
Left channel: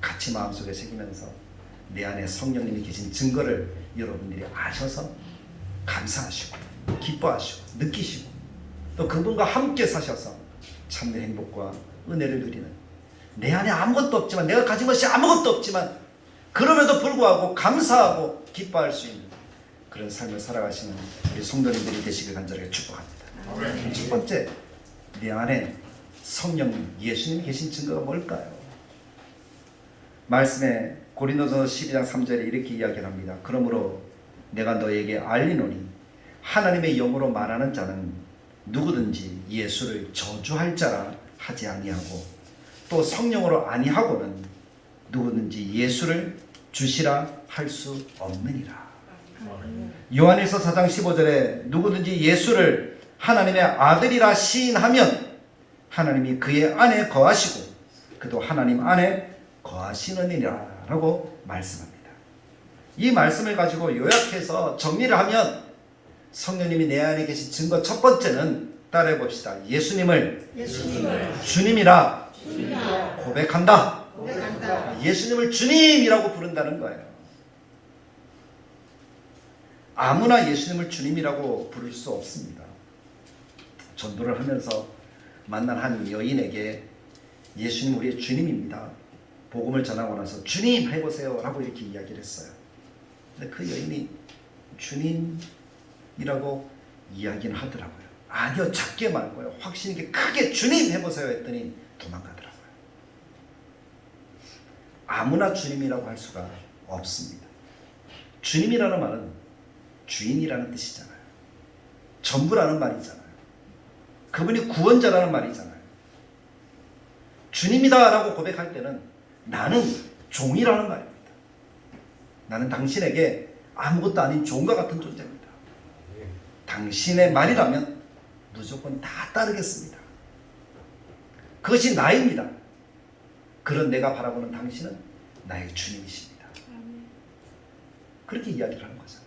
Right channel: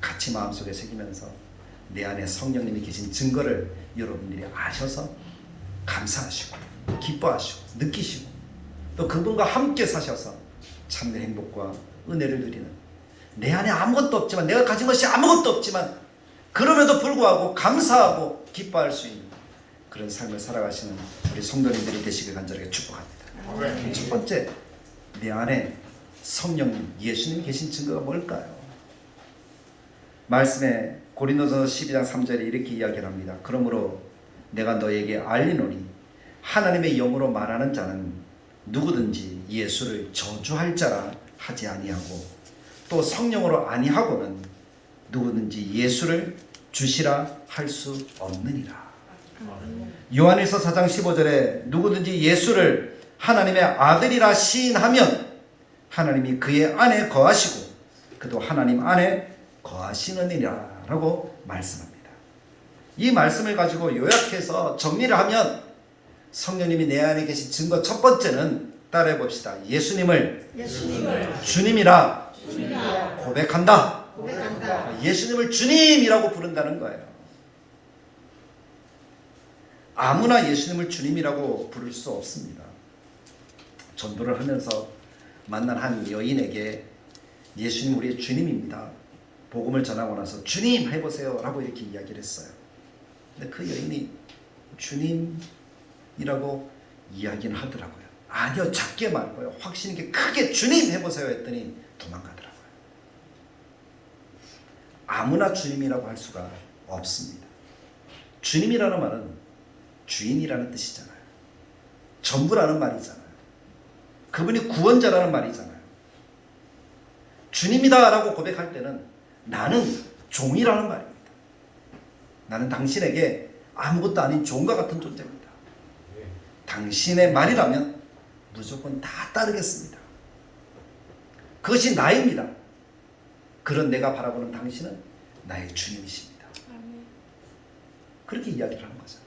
같이 마음속에 새기면서 내 안에 성령님이 계신 증거를 여러분들이 아셔서 감사하시고 기뻐하시고 느끼시고 또 그분과 함께 사셔서 참된 행복과 은혜를 누리는 내 안에 아무것도 없지만 내가 가진 것이 아무것도 없지만 그럼에도 불구하고 감사하고 기뻐할 수 있는 그런 삶을 살아가시는 우리 성도님들이 되시길 간절하게 축복합니다. 첫 번째, 내 안에 성령님, 예수님이 계신 증거가 뭘까요? 말씀에 고린도전서 12장 3절에 이렇게 이야기를 합니다. 그러므로 내가 너에게 알리노니 하나님의 영으로 말하는 자는 누구든지 예수를 저주할 자라 하지 아니하고 또 성령으로 아니하고는 누구든지 예수를 주시라 할 수 없느니라. 요한일서 4장 15절에 누구든지 예수를 하나님의 아들이라 시인하면 하나님이 그의 안에 거하시고 그도 하나님 안에 거하시느니라 라고 말씀합니다. 이 말씀을 가지고 요약해서 정리를 하면 성령님이 내 안에 계신 증거 첫 번째는 따라해 봅시다. 예수님을 주님이라 고백한다. 예수님을 주님이라고 부른다는 거예요. 아무나 예수님을 주님이라고 부를 수 없습니다. 전도를 하면서 만난 한 여인에게 예수님 우리의 주님입니다. 복음을 전하고 나서 주님 해보세요 라고 이렇게 이야기를 했어요. 근데 그 여인이 주님이라고 이야기는 하더라고요. 아니요, 작게 말고요, 확신 있게 크게 주님 해보세요 했더니 도망가더라고요. 아무나 주님이라고 할 수가 없습니다. 주님이라는 말은 주인이라는 뜻이잖아요. 전부라는 말이잖아요. 그분이 구원자라는 말이잖아요. 주님이다 라고 고백할 때는 나는 종이라는 말입니다. 나는 당신에게 아무것도 아닌 종과 같은 존재입니다. 당신의 말이라면 무조건 다 따르겠습니다. 그것이 나입니다. 그런 내가 바라보는 당신은 나의 주님이십니다. 그렇게 이야기를 하는 거잖아요.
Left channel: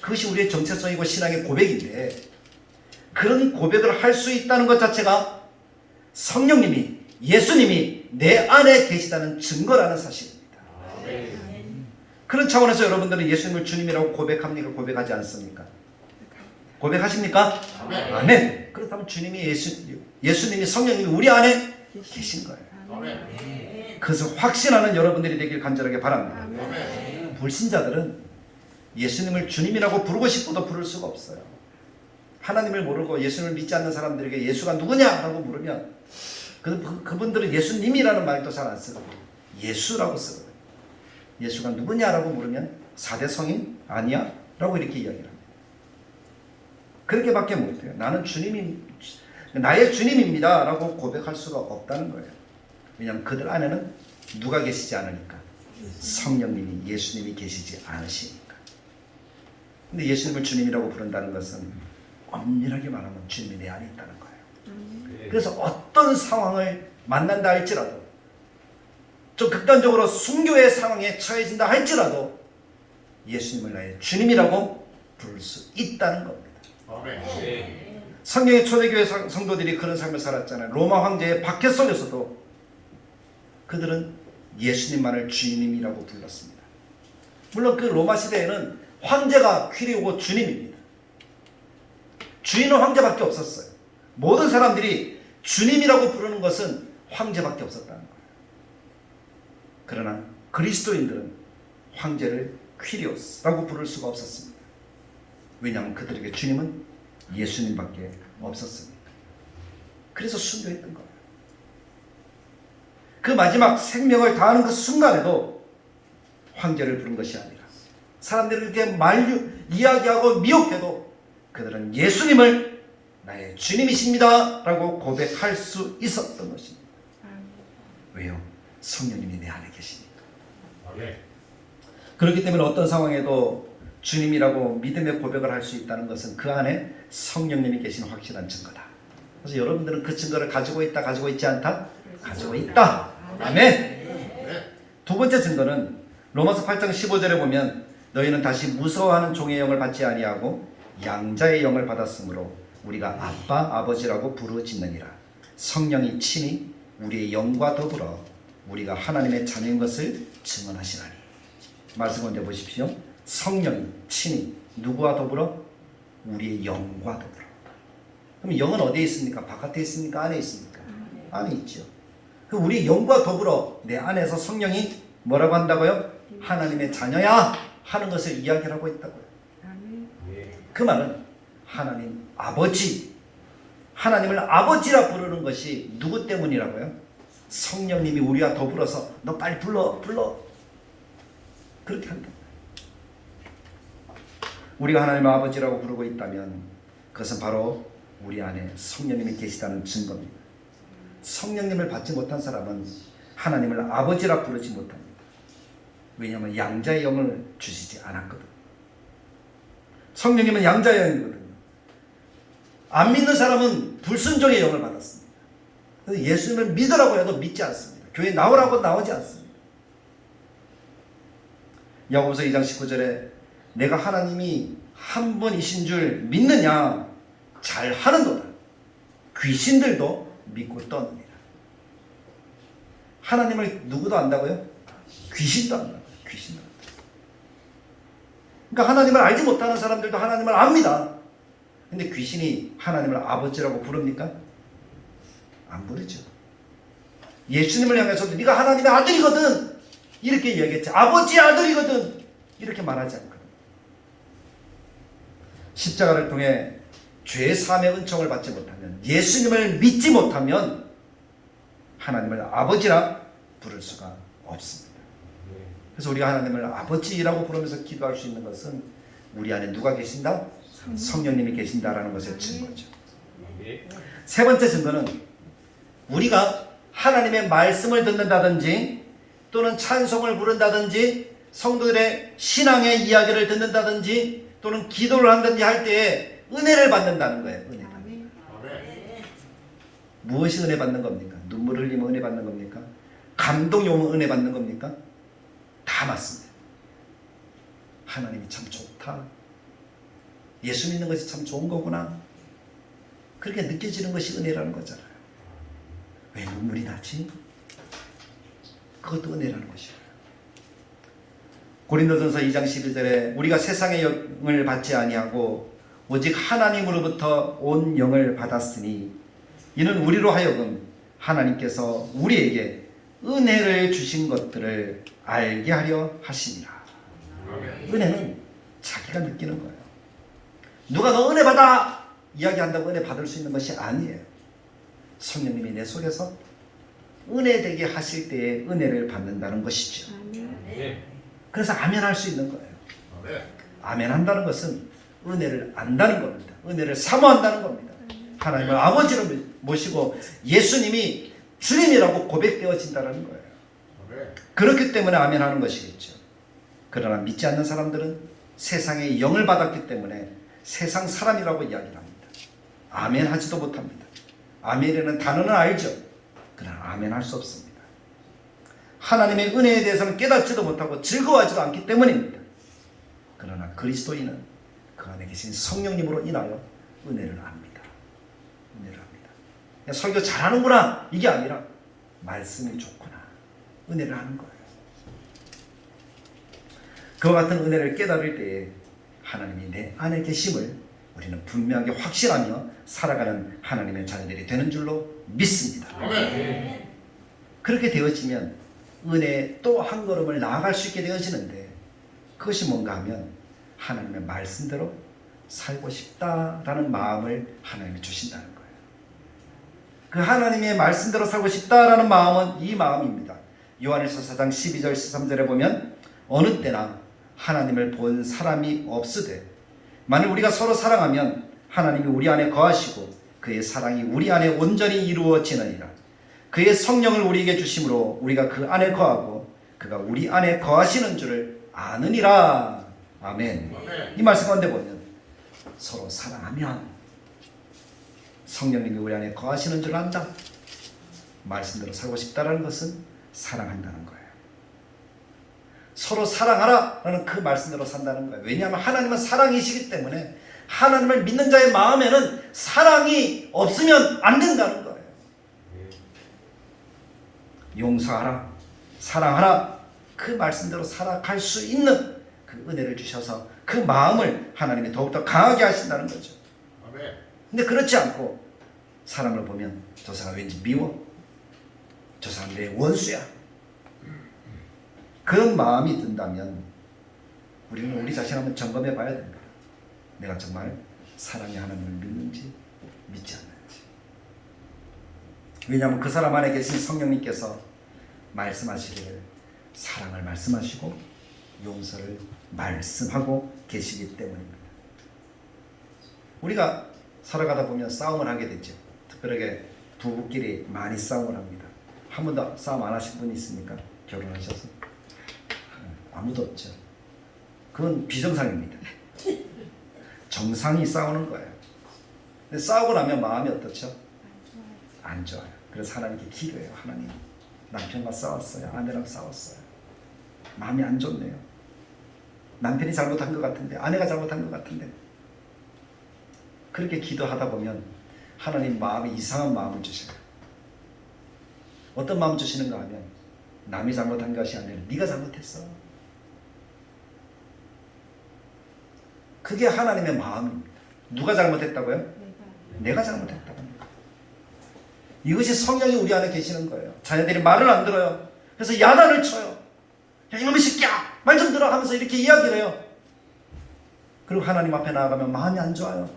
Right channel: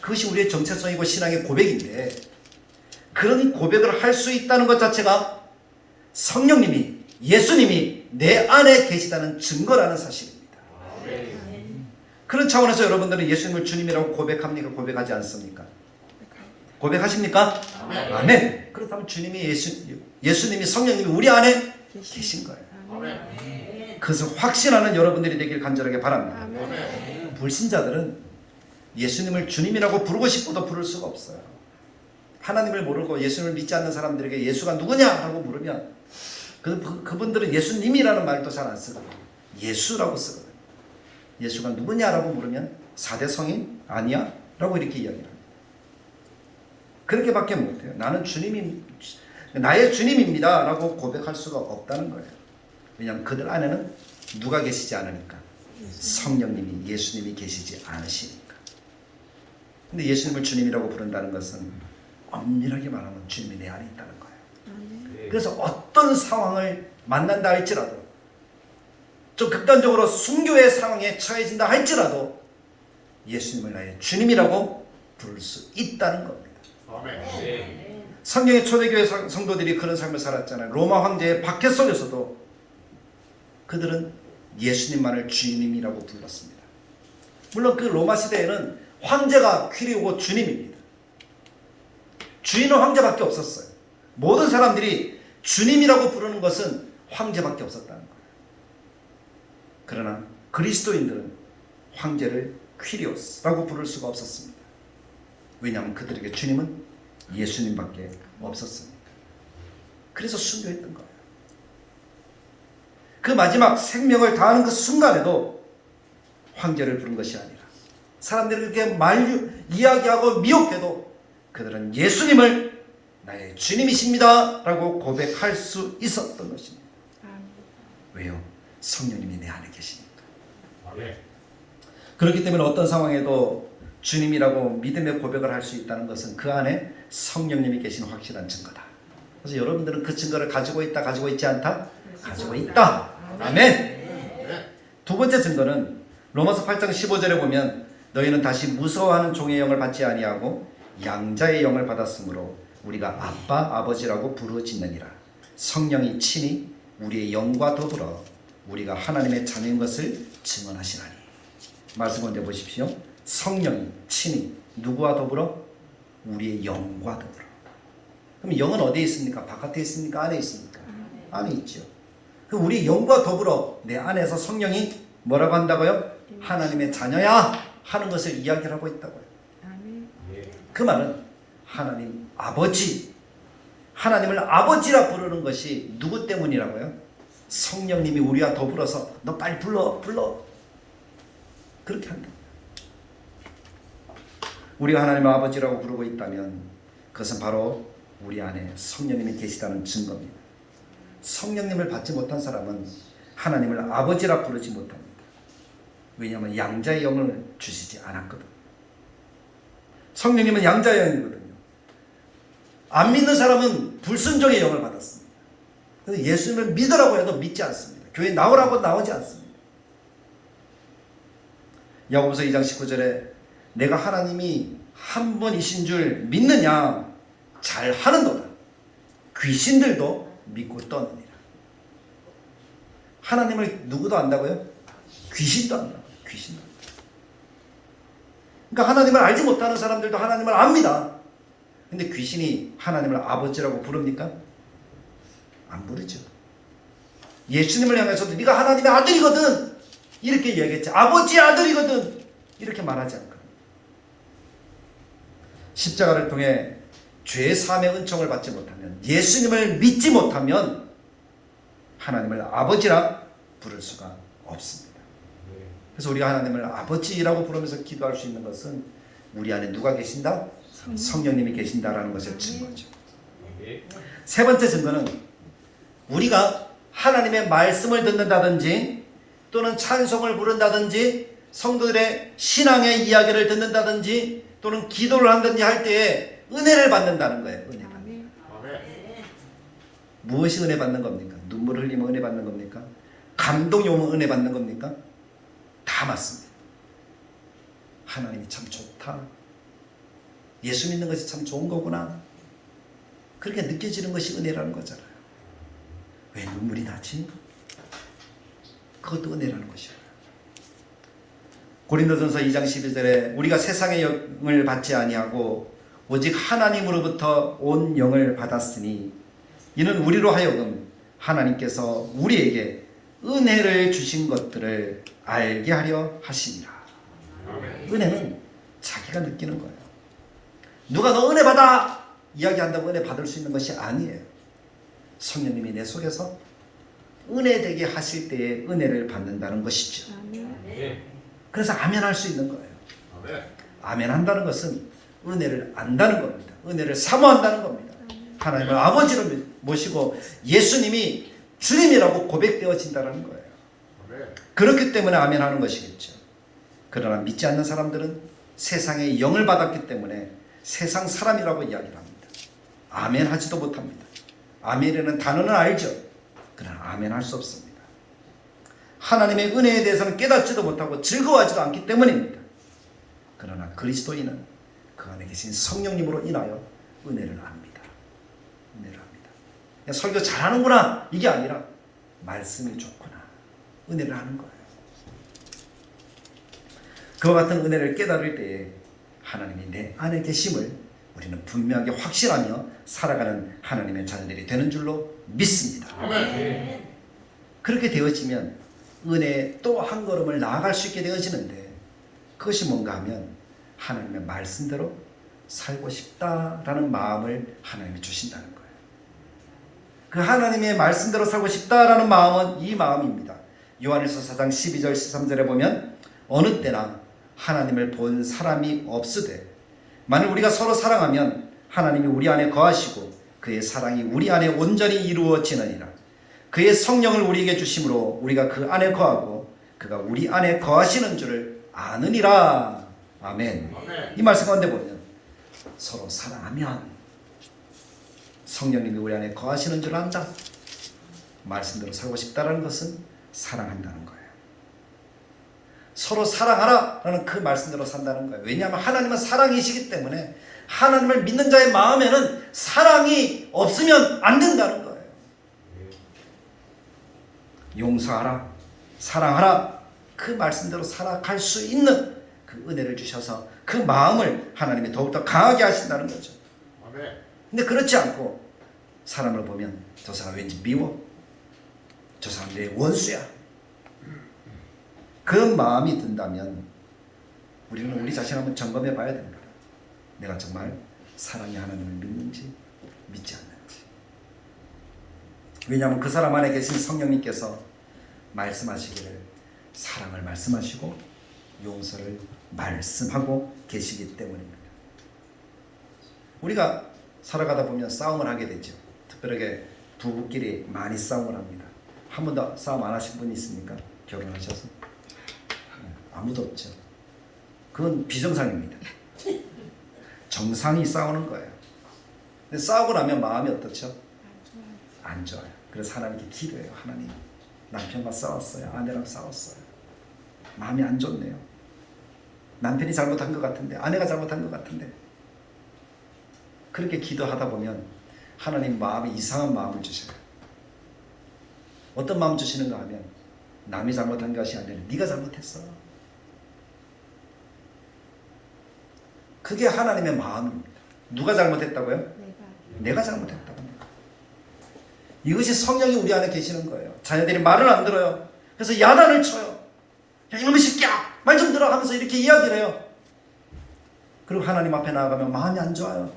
그것이 우리의 정체성이고 신앙의 고백인데 그런 고백을 할 수 있다는 것 자체가 성령님이 예수님이 내 안에 계시다는 증거라는 사실입니다. 그런 차원에서 여러분들은 예수님을 주님이라고 고백합니까? 고백하지 않습니까? 고백하십니까? 아멘. 그렇다면 주님이 예수님이 성령님이 우리 안에 계신 거예요. 그것을 확신하는 여러분들이 되길 간절하게 바랍니다. 불신자들은 예수님을 주님이라고 부르고 싶어도 부를 수가 없어요. 하나님을 모르고 예수님을 믿지 않는 사람들에게 예수가 누구냐 하고 물으면 그분들은 예수님이라는 말도 잘 안 쓰고 예수라고 쓰고 예수가 누구냐라고 물으면 4대 성인 아니야? 라고 이렇게 이야기합니다. 그렇게밖에 못해요. 나는 나의 주님입니다 라고 고백할 수가 없다는 거예요. 왜냐하면 그들 안에는 누가 계시지 않으니까 성령님이 예수님이 계시지 않으시니까. 근데 예수님을 주님이라고 부른다는 것은 엄밀하게 말하면 주님이 내 안에 있다는 거예요. 그래서 어떤 상황을 만난다 할지라도 좀 극단적으로 순교의 상황에 처해진다 할지라도 예수님을 나의 주님이라고 부를 수 있다는 겁니다. 성경의 초대교회 성도들이 그런 삶을 살았잖아요. 로마 황제의 박해 속에서도 그들은 예수님만을 주님이라고 불렀습니다. 물론 그 로마 시대에는 황제가 퀴리오고 주님입니다. 주인은 황제밖에 없었어요. 모든 사람들이 주님이라고 부르는 것은 황제밖에 없었다는 거예요. 그러나 그리스도인들은 황제를 퀴리오스라고 부를 수가 없었습니다. 왜냐하면 그들에게 주님은 예수님밖에 없었습니다. 그래서 순교했던 거예요. 그 마지막 생명을 다하는 그 순간에도 황제를 부른 것이 아니라 사람들이 그렇게 이야기하고 미혹해도 그들은 예수님을 나의 주님이십니다 라고 고백할 수 있었던 것입니다. 왜요? 성령님이 내 안에 계시니까. 그렇기 때문에 어떤 상황에도 주님이라고 믿음의 고백을 할 수 있다는 것은 그 안에 성령님이 계신 확실한 증거다. 그래서 여러분들은 그 증거를 가지고 있다, 가지고 있지 않다? 가지고 있다. 아멘. 두 번째 증거는 로마서 8장 15절에 보면 너희는 다시 무서워하는 종의 영을 받지 아니하고 양자의 영을 받았으므로 우리가 아빠, 아버지라고 부르짖느니라. 성령이 친히 우리의 영과 더불어 우리가 하나님의 자녀인 것을 증언하시나니. 말씀 먼저 보십시오. 성령이 친히 누구와 더불어? 우리의 영과 더불어. 그럼 영은 어디에 있습니까? 바깥에 있습니까? 안에 있습니까? 안에 있죠. 그 우리 영과 더불어 내 안에서 성령이 뭐라고 한다고요? 하나님의 자녀야 하는 것을 이야기를 하고 있다고요. 그 말은 하나님 아버지, 하나님을 아버지라 부르는 것이 누구 때문이라고요? 성령님이 우리와 더불어서 너 빨리 불러 그렇게 한다. 우리가 하나님을 아버지라고 부르고 있다면 그것은 바로 우리 안에 성령님이 계시다는 증거입니다. 성령님을 받지 못한 사람은 하나님을 아버지라 부르지 못합니다. 왜냐하면 양자의 영을 주시지 않았거든. 성령님은 양자의 영이거든요. 안 믿는 사람은 불순종의 영을 받았습니다. 그래서 예수님을 믿으라고 해도 믿지 않습니다. 교회 나오라고 나오지 않습니다. 야고보서 2장 19절에 내가 하나님이 한 분이신 줄 믿느냐? 잘하는도다. 귀신들도 믿고 떠느니라. 하나님을 누구도 안다고요? 귀신도 안다고요. 귀신도. 그러니까 하나님을 알지 못하는 사람들도 하나님을 압니다. 근데 귀신이 하나님을 아버지라고 부릅니까? 안 부르죠. 예수님을 향해서도 네가 하나님의 아들이거든 이렇게 얘기했지. 아버지의 아들이거든 이렇게 말하지 않거든. 십자가를 통해 죄 사함의 은총을 받지 못하면, 예수님을 믿지 못하면 하나님을 아버지라 부를 수가 없습니다. 그래서 우리가 하나님을 아버지라고 부르면서 기도할 수 있는 것은 우리 안에 누가 계신다? 성령님이 계신다라는 것의 증거죠. 세 번째 증거는 우리가 하나님의 말씀을 듣는다든지 또는 찬송을 부른다든지 성도들의 신앙의 이야기를 듣는다든지 또는 기도를 한다든지 할 때에 은혜를 받는다는 거예요. 은혜 받는. 무엇이 은혜 받는 겁니까? 눈물 흘리면 은혜 받는 겁니까? 감동이 오면 은혜 받는 겁니까? 다 맞습니다. 하나님이 참 좋다. 예수 믿는 것이 참 좋은 거구나. 그렇게 느껴지는 것이 은혜라는 거잖아요. 왜 눈물이 나지? 그것도 은혜라는 것이에요. 고린도전서 2장 12절에 우리가 세상의 영을 받지 아니하고 오직 하나님으로부터 온 영을 받았으니 이는 우리로 하여금 하나님께서 우리에게 은혜를 주신 것들을 알게 하려 하심이라. 은혜는 자기가 느끼는 거예요. 누가 너 은혜 받아 이야기한다고 은혜 받을 수 있는 것이 아니에요. 성령님이 내 속에서 은혜 되게 하실 때에 은혜를 받는다는 것이죠. 그래서 아멘 할 수 있는 거예요. 아멘 한다는 것은 은혜를 안다는 겁니다. 은혜를 사모한다는 겁니다. 하나님을 아버지로 모시고 예수님이 주님이라고 고백되어진다는 거예요. 그렇기 때문에 아멘 하는 것이겠죠. 그러나 믿지 않는 사람들은 세상의 영을 받았기 때문에 세상 사람이라고 이야기를 합니다. 아멘 하지도 못합니다. 아멘이라는 단어는 알죠. 그러나 아멘 할 수 없습니다. 하나님의 은혜에 대해서는 깨닫지도 못하고 즐거워하지도 않기 때문입니다. 그러나 그리스도인은 그 안에 계신 성령님으로 인하여 은혜를 압니다. 은혜를 합니다. 설교 잘하는구나 이게 아니라 말씀이 좋구나 은혜를 하는 거예요. 그와 같은 은혜를 깨달을 때에 하나님이 내 안에 계심을 우리는 분명하게 확신하며 살아가는 하나님의 자녀들이 되는 줄로 믿습니다. 그렇게 되어지면 은혜에 또 한 걸음을 나아갈 수 있게 되어지는데 그것이 뭔가 하면 하나님의 말씀대로 살고 싶다라는 마음을 하나님이 주신다는 거예요. 그 하나님의 말씀대로 살고 싶다라는 마음은 이 마음입니다. 요한일서 4장 12절 13절에 보면 어느 때나 하나님을 본 사람이 없으되 만일 우리가 서로 사랑하면 하나님이 우리 안에 거하시고 그의 사랑이 우리 안에 온전히 이루어지느니라. 그의 성령을 우리에게 주심으로 우리가 그 안에 거하고 그가 우리 안에 거하시는 줄을 아느니라. 아멘. 이 말씀 가운데 보면 서로 사랑하면 성령님이 우리 안에 거하시는 줄 안다. 말씀대로 살고 싶다는 것은 사랑한다는 거예요. 서로 사랑하라라는 그 말씀대로 산다는 거예요. 왜냐하면 하나님은 사랑이시기 때문에 하나님을 믿는 자의 마음에는 사랑이 없으면 안 된다는 거예요. 용서하라, 사랑하라 그 말씀대로 살아갈 수 있는 그 은혜를 주셔서 그 마음을 하나님이 더욱더 강하게 하신다는 거죠. 근데 그렇지 않고 사람을 보면 저 사람 왠지 미워, 저 사람 내 원수야, 그런 마음이 든다면 우리는 우리 자신 한번 점검해 봐야 됩니다. 내가 정말 사랑의 하나님을 믿는지 믿지 않는지. 왜냐하면 그 사람 안에 계신 성령님께서 말씀하시기를 사랑을 말씀하시고 용서를 말씀하고 계시기 때문입니다. 우리가 살아가다 보면 싸움을 하게 되죠. 특별하게 부부끼리 많이 싸움을 합니다. 한 번도 싸움 안 하신 분이 있습니까? 결혼하셔서? 아무도 없죠. 그건 비정상입니다. 정상이 싸우는 거예요. 근데 싸우고 나면 마음이 어떻죠? 안 좋아요. 그래서 하나님께 기도해요. 하나님, 남편과 싸웠어요. 아내랑 싸웠어요. 마음이 안 좋네요. 남편이 잘못한 것 같은데, 아내가 잘못한 것 같은데. 그렇게 기도하다 보면 하나님 마음이 이상한 마음을 주셔요. 어떤 마음 주시는가 하면 남이 잘못한 것이 아니라 네가 잘못했어. 그게 하나님의 마음입니다. 누가 잘못했다고요? 내가 잘못했다고. 이것이 성령이 우리 안에 계시는 거예요. 자녀들이 말을 안 들어요. 그래서 야단을 쳐요. 야, 이놈의 새끼야, 말 좀 들어 하면서 이렇게 이야기를 해요. 그리고 하나님 앞에 나아가면 마음이 안 좋아요.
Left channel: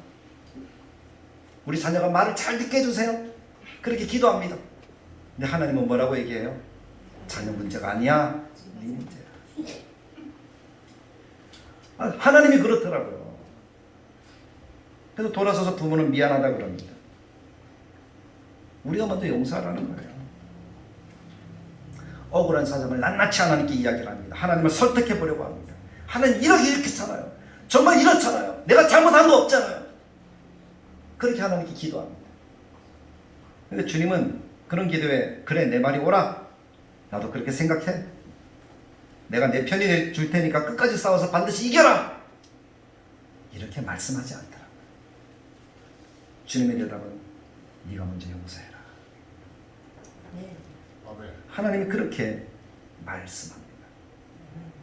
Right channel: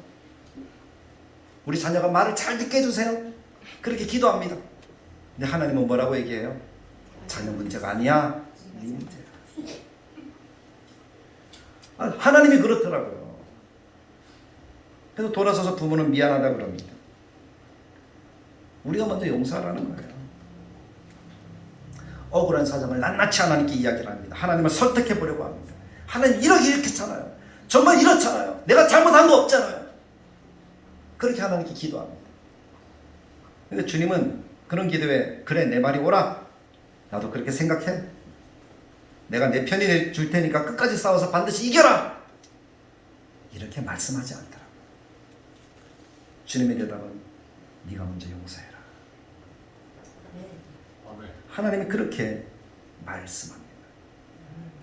우리 자녀가 말을 잘 듣게 해주세요. 그렇게 기도합니다. 근데 하나님은 뭐라고 얘기해요? 자녀 문제가 아니야, 네 문제야. 하나님이 그렇더라고요. 그래서 돌아서서 부모는 미안하다 그럽니다. 우리가 먼저 용서하라는 거예요. 억울한 사정을 낱낱이 하나님께 이야기를 합니다. 하나님을 설득해 보려고 합니다. 하나님 이렇게 했잖아요. 정말 이렇잖아요. 내가 잘못한 거 없잖아요. 그렇게 하나님께 기도합니다. 근데 주님은 그런 기도에 그래 내 말이 옳아. 나도 그렇게 생각해. 내가 내 편이 줄 테니까 끝까지 싸워서 반드시 이겨라. 이렇게 말씀하지 않더라고요. 주님의 대답은 네가 먼저 용서해라. 하나님이 그렇게 말씀합니다.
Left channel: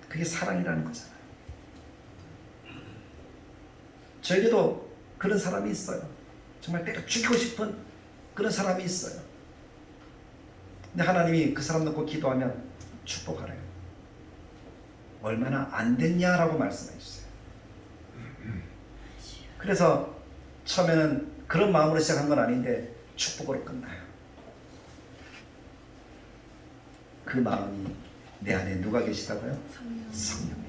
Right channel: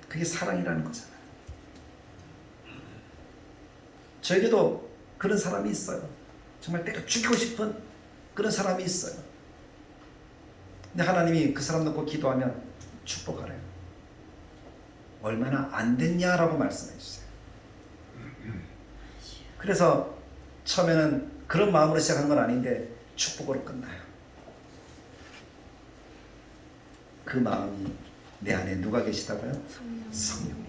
그게 사랑이라는 거잖아요. 저에게도 그런 사람이 있어요. 정말 내가 죽이고 싶은 그런 사람이 있어요. 근데 하나님이 그 사람 놓고 기도하면 축복하래요. 얼마나 안 됐냐라고 말씀해 주세요. 그래서 처음에는 그런 마음으로 시작한 건 아닌데 축복으로 끝나요. 그 마음이 내 안에 누가 계시다고요? 성령님.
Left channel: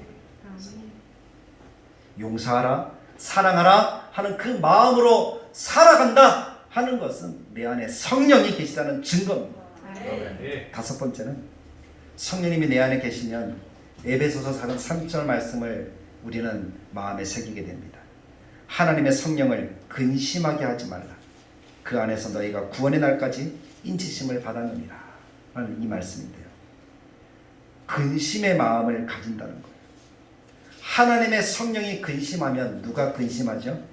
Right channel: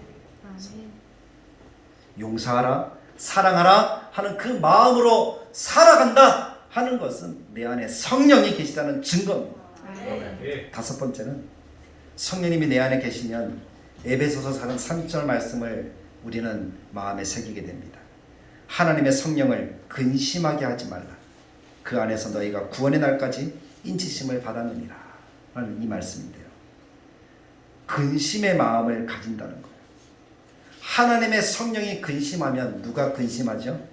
용서하라, 사랑하라 하는 그 마음으로 살아간다 하는 것은 내 안에 성령이 계시다는 증거입니다. 다섯 번째는 성령님이 내 안에 계시면 에베소서 4장 3절 말씀을 우리는 마음에 새기게 됩니다. 하나님의 성령을 근심하게 하지 말라. 그 안에서 너희가 구원의 날까지 인치심을 받았느니라 라는 이 말씀인데요. 근심의 마음을 가진다는 거예요. 하나님의 성령이 근심하면 누가 근심하죠?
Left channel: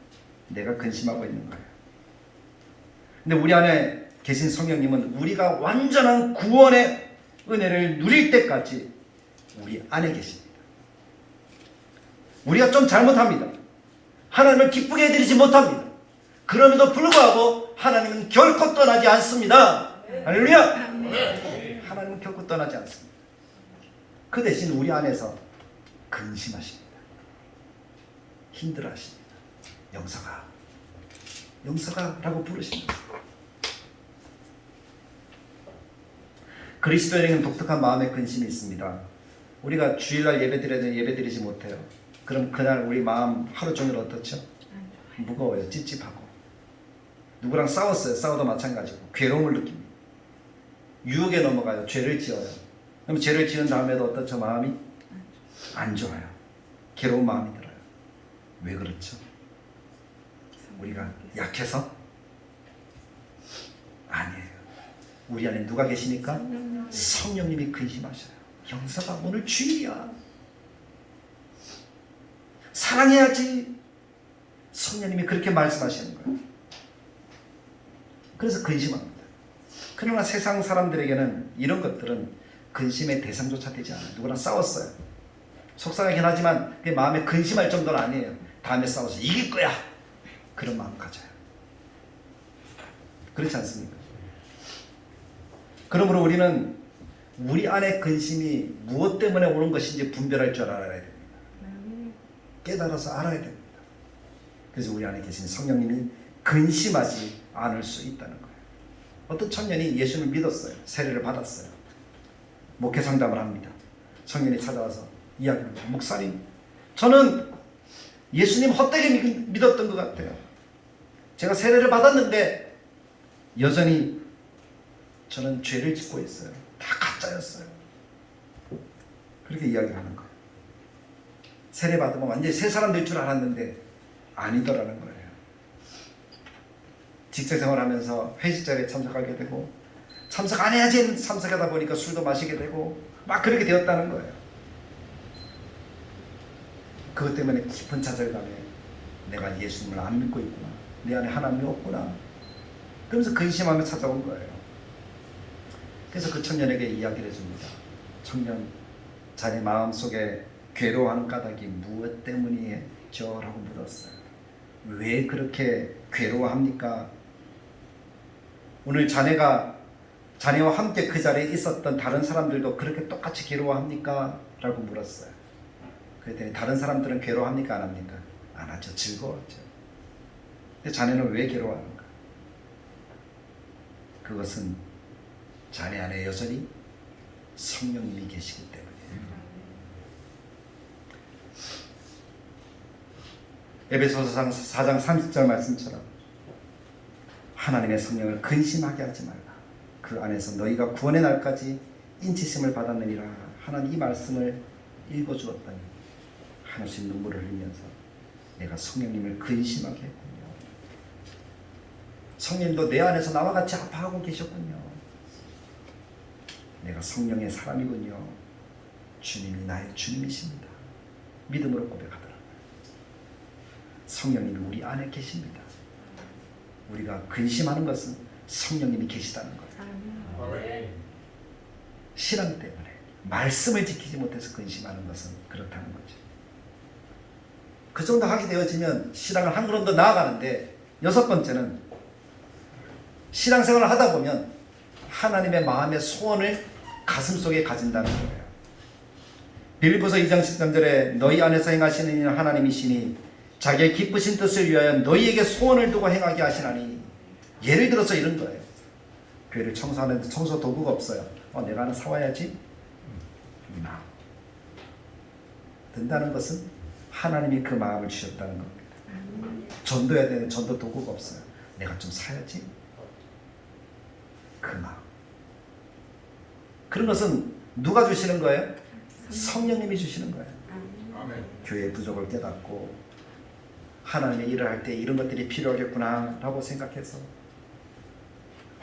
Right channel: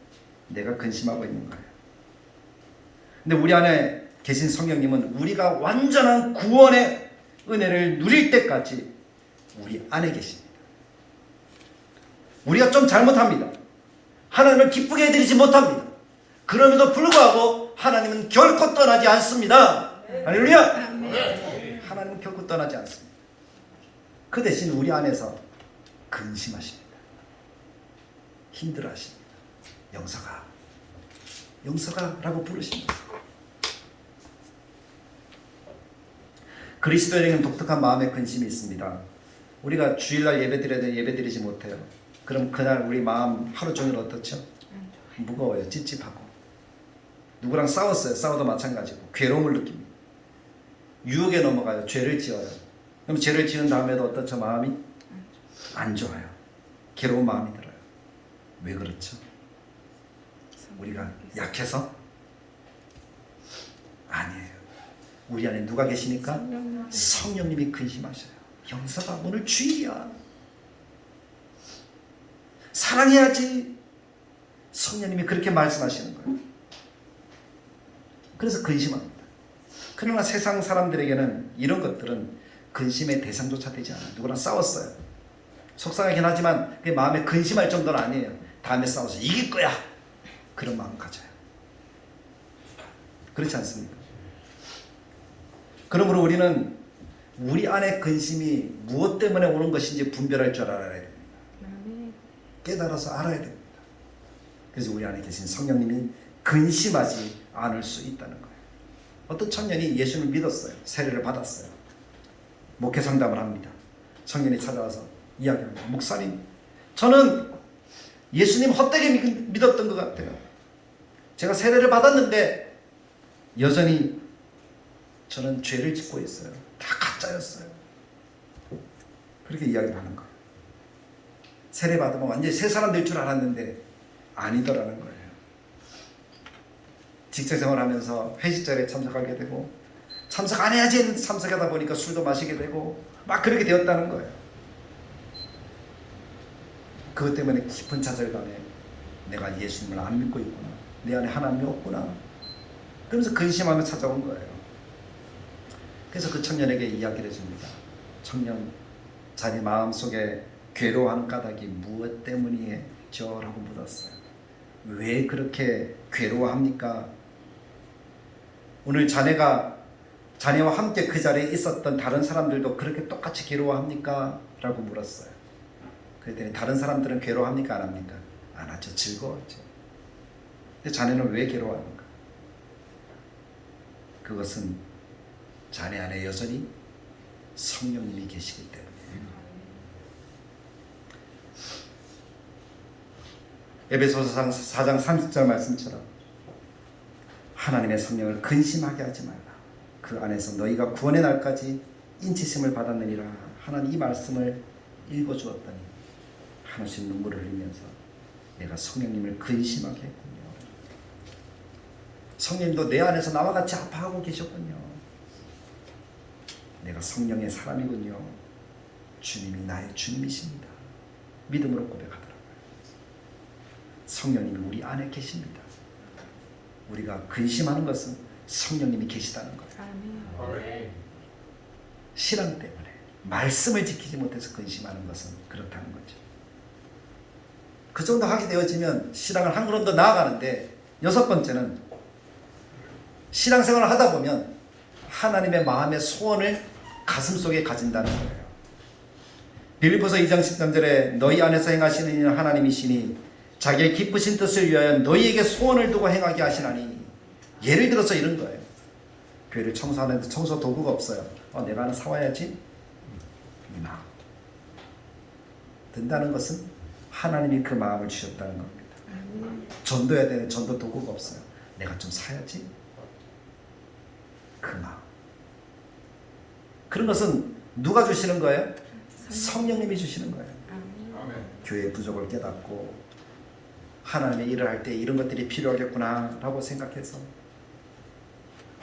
내가 근심하고 있는 거예요. 근데 우리 안에 계신 성령님은 우리가 완전한 구원의 은혜를 누릴 때까지 우리 안에 계십니다. 우리가 좀 잘못합니다. 하나님을 기쁘게 해드리지 못합니다. 그럼에도 불구하고 하나님은 결코 떠나지 않습니다. 할렐루야! 하나님은 결코 떠나지 않습니다. 그 대신 우리 안에서 근심하십니다. 힘들어하십니다. 영서가 라고 부르십니다. 그리스도인에게는 독특한 마음의 근심이 있습니다. 우리가 주일날 예배드려도 예배드리지 못해요. 그럼 그날 우리 마음 하루 종일 어떻죠? 무거워요. 찝찝하고. 누구랑 싸웠어요. 싸워도 마찬가지고 괴로움을 느낍니다. 유혹에 넘어가요. 죄를 지어요. 그럼 죄를 지은 다음에도 어떻죠? 마음이 안 좋아요. 괴로운 마음이 들어요. 왜 그렇죠? 우리가 약해서? 아니에요. 우리 안에 누가 계시니까? 성령님이 근심하셔요. 영사가 오늘 주일이야. 사랑해야지. 성령님이 그렇게 말씀하시는 거예요. 그래서 근심합니다. 그러나 세상 사람들에게는 이런 것들은 근심의 대상조차 되지 않아요. 누구랑 싸웠어요. 속상하긴 하지만 그 마음에 근심할 정도는 아니에요. 다음에 싸워서 이길 거야. 그런 마음 가져요. 그렇지 않습니까? 그러므로 우리는 우리 안에 근심이 무엇 때문에 오는 것인지 분별할 줄 알아야 됩니다. 깨달아서 알아야 됩니다. 그래서 우리 안에 계신 성령님이 근심하지 않을 수 있다는 거예요. 어떤 청년이 예수를 믿었어요. 세례를 받았어요. 목회 상담을 합니다. 청년이 찾아와서 이야기합니다. 목사님, 저는 예수님 헛되게 믿었던 것 같아요. 제가 세례를 받았는데 여전히 저는 죄를 짓고 있어요. 다 가짜였어요. 그렇게 이야기하는 거예요. 세례 받으면 완전히 새 사람 될 줄 알았는데 아니더라는 거예요. 직장생활하면서 회식 자리에 참석하게 되고 참석 안 해야지 참석하다 보니까 술도 마시게 되고 막 그렇게 되었다는 거예요. 그것 때문에 깊은 좌절감에 내가 예수님을 안 믿고 있구나. 내 안에 하나님이 없구나. 그러면서 근심하며 찾아온 거예요. 그래서 그 청년에게 이야기를 해줍니다. 청년, 자네 마음속에 괴로워하는 까닭이 무엇 때문이죠? 라고 물었어요. 왜 그렇게 괴로워합니까? 오늘 자네와 함께 그 자리에 있었던 다른 사람들도 그렇게 똑같이 괴로워합니까? 라고 물었어요. 그랬더니 다른 사람들은 괴로워합니까? 안 합니까? 안 하죠. 즐거웠죠. 근데 자네는 왜 괴로워합니까? 그것은 자네 안에 여전히 성령님이 계시기 때문이에요. 에베소서 4장 30절 말씀처럼 하나님의 성령을 근심하게 하지 말라. 그 안에서 너희가 구원의 날까지 인치심을 받았느니라 하는 이 말씀을 읽어주었더니 하나씩 눈물을 흘리면서 내가 성령님을 근심하게 했군요. 성령님도 내 안에서 나와 같이 아파하고 계셨군요. 내가 성령의 사람이군요. 주님이 나의 주님이십니다. 믿음으로 고백하더라고요. 성령님이 우리 안에 계십니다. 우리가 근심하는 것은 성령님이 계시다는 거예요. 신앙 때문에 말씀을 지키지 못해서 근심하는 것은 그렇다는 거죠. 그 정도 하게 되어지면 신앙을 한 걸음 더 나아가는데, 여섯 번째는 신앙생활을 하다 보면 하나님의 마음의 소원을 가슴속에 가진다는 거예요. 빌립보서 2장 13절에 너희 안에서 행하시는 이는 하나님이시니 자기의 기쁘신 뜻을 위하여 너희에게 소원을 두고 행하게 하시나니. 예를 들어서 이런 거예요. 교회를 청소하는데 청소 도구가 없어요. 내가 하나 사와야지. 이 마음. 된다는 것은 하나님이 그 마음을 주셨다는 겁니다. 전도해야 되는 전도 도구가 없어요. 내가 좀 사야지. 그 마음. 그런 것은 누가 주시는 거예요? 성령님이 주시는 거예요. 교회의 부족을 깨닫고 하나님의 일을 할 때 이런 것들이 필요하겠구나 라고 생각해서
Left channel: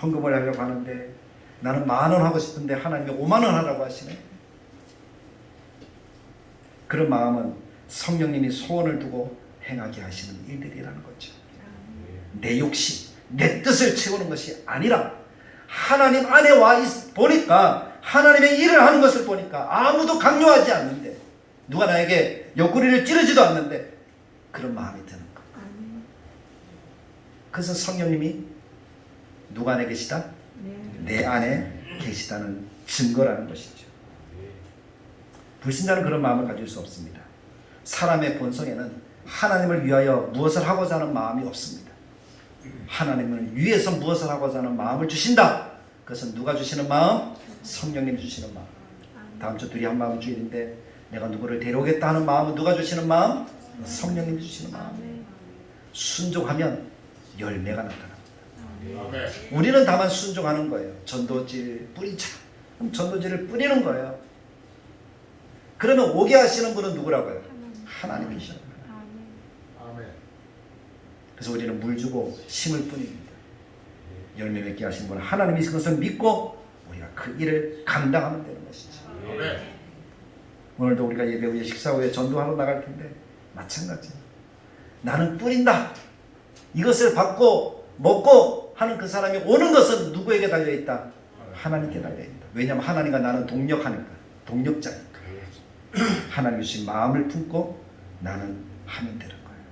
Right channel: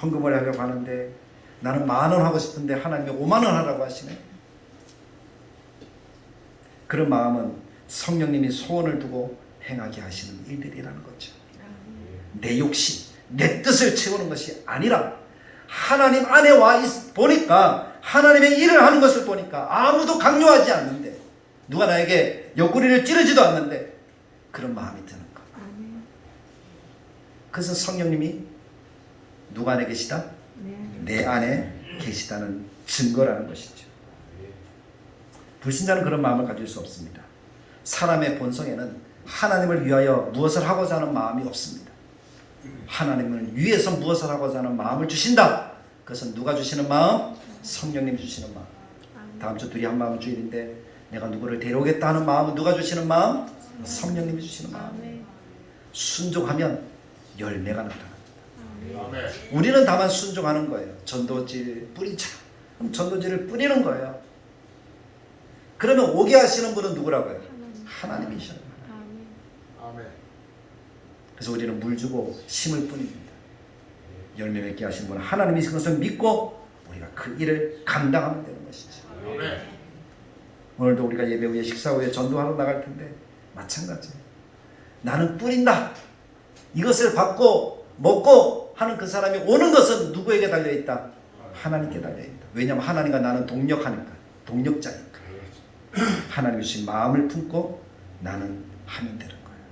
헌금을 하려고 하는데 나는 10,000원 하고 싶은데 하나님이 50,000원 하라고 하시네. 그런 마음은 성령님이 소원을 두고 행하게 하시는 일들이라는 거죠. 내 욕심, 내 뜻을 채우는 것이 아니라 하나님 안에 와 보니까 하나님의 일을 하는 것을 보니까 아무도 강요하지 않는데 누가 나에게 옆구리를 찌르지도 않는데 그런 마음이 드는 거. 그래서 성령님이 누가 안에 계시다? 내 안에 계시다는 증거라는 것이죠. 불신자는 그런 마음을 가질 수 없습니다. 사람의 본성에는 하나님을 위하여 무엇을 하고자 하는 마음이 없습니다. 하나님을 위해서 무엇을 하고자 하는 마음을 주신다. 그것은 누가 주시는 마음? 성령님 주시는 마음. 다음 주 둘이 한 마음 주일인데 내가 누구를 데려오겠다 하는 마음은 누가 주시는 마음? 성령님이 주시는 마음. 순종하면 열매가 나타납니다. 우리는 다만 순종하는 거예요. 전도지를 뿌리자. 그럼 전도지를 뿌리는 거예요. 그러면 오게 하시는 분은 누구라고요? 하나님이셔. 그래서 우리는 물 주고 심을 뿐입니다. 열매 맺게 하시는 분은 하나님이신 것을 믿고 우리가 그 일을 감당하면 되는 것이죠. 오늘도 우리가 예배 후에 식사 후에 전도하러 나갈 텐데 마찬가지예요. 나는 뿌린다. 이것을 받고 먹고 하는 그 사람이 오는 것은 누구에게 달려있다? 하나님께 달려있다. 왜냐하면 하나님과 나는 동력하니까. 동력자니까. 하나님이 주신 마음을 품고 나는 하면 되는 거예요.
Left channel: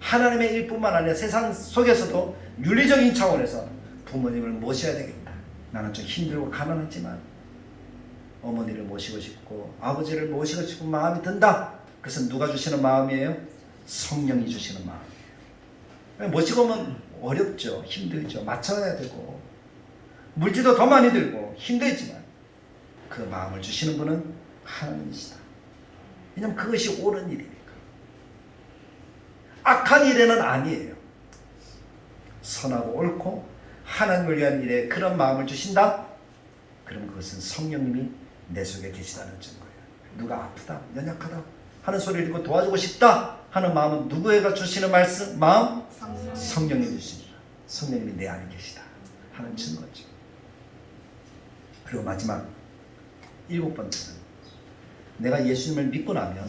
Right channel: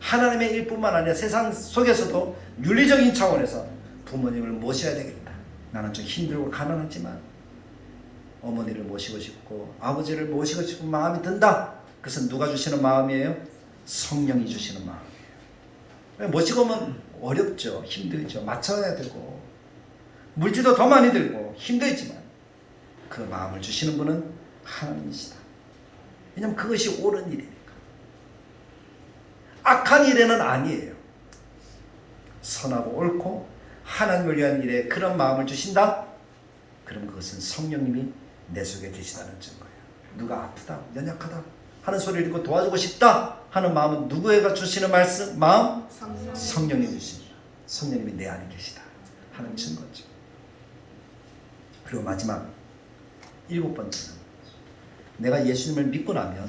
하나님의 일뿐만 아니라 세상 속에서도 윤리적인 차원에서 부모님을 모셔야 되겠다. 나는 좀 힘들고 가난하지만 어머니를 모시고 싶고 아버지를 모시고 싶은 마음이 든다. 그것은 누가 주시는 마음이에요? 성령이 주시는 마음이에요. 모시고 오면 어렵죠. 힘들죠. 맞춰야 되고 물질도 더 많이 들고 힘들지만 그 마음을 주시는 분은 하나님이시다. 왜냐하면 그것이 옳은 일이니까. 악한 일에는 아니에요. 선하고 옳고 하나님을 위한 일에 그런 마음을 주신다? 그럼 그것은 성령님이 내 속에 계시다는 증거예요. 누가 아프다, 연약하다 하는 소리를 듣고 도와주고 싶다 하는 마음은 누구에게 주시는 말씀? 마음? 성령이 주십니다. 성령님이 내 안에 계시다 하는 증거죠. 그리고 마지막 7번째는 내가 예수님을 믿고 나면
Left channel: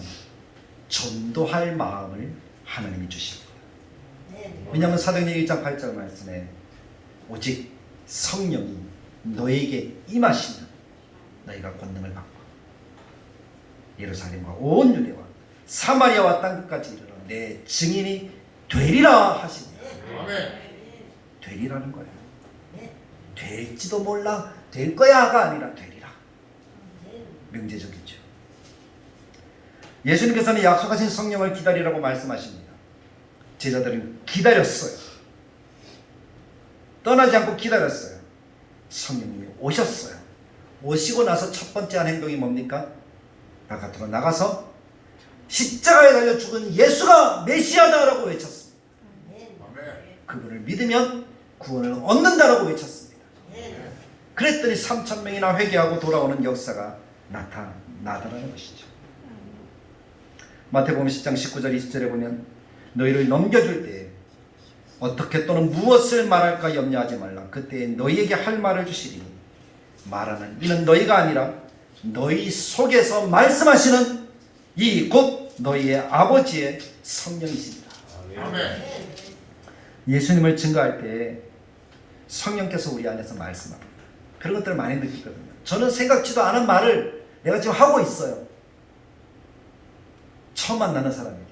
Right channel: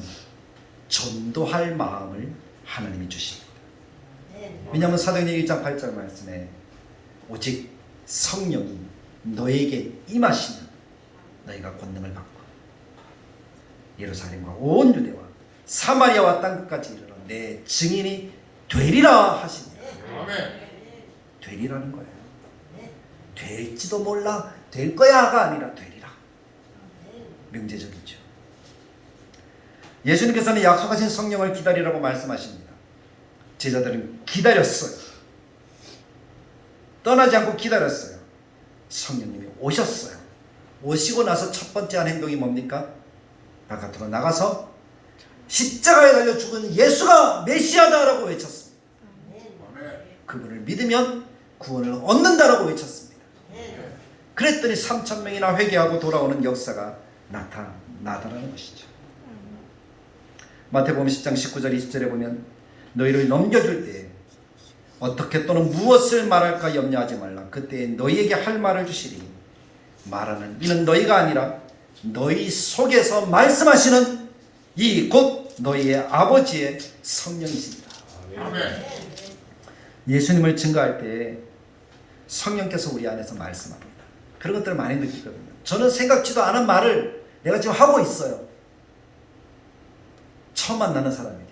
전도할 마음을 하나님이 주십니다. 왜냐하면 사도행전 1장 8절 말씀에 오직 성령이 너에게 임하시면 너희가 권능을 받고 예루살렘과 온 유대와 사마리아와 땅끝까지 이르러 내 증인이 되리라 하시니. 되리라는 거예요. 될지도 몰라, 될 거야가 아니라 되리라. 명제적이죠. 예수님께서는 약속하신 성령을 기다리라고 말씀하십니다. 제자들은 기다렸어요. 떠나지 않고 기다렸어요. 성령님이 오셨어요. 오시고 나서 첫 번째 한 행동이 뭡니까? 바깥으로 나가서 십자가에 달려 죽은 예수가 메시아다라고 외쳤습니다. 그분을 믿으면 구원을 얻는다라고 외쳤습니다. 그랬더니 3,000명이나 회개하고 돌아오는 역사가 나타나는 것이죠. 마태복음 10장 19절 20절에 보면 너희를 넘겨줄 때 어떻게 또는 무엇을 말할까 염려하지 말라. 그때 너희에게 할 말을 주시리니 말하는 이는 너희가 아니라 너희 속에서 말씀하시는 이 곧 너희의 아버지의 성령이십니다. 예수님을 증거할 때 성령께서 우리 안에서 말씀합니다. 그런 것들을 많이 느끼거든요. 저는 생각지도 않은 말을 내가 지금 하고 있어요. 처음 만나는 사람에게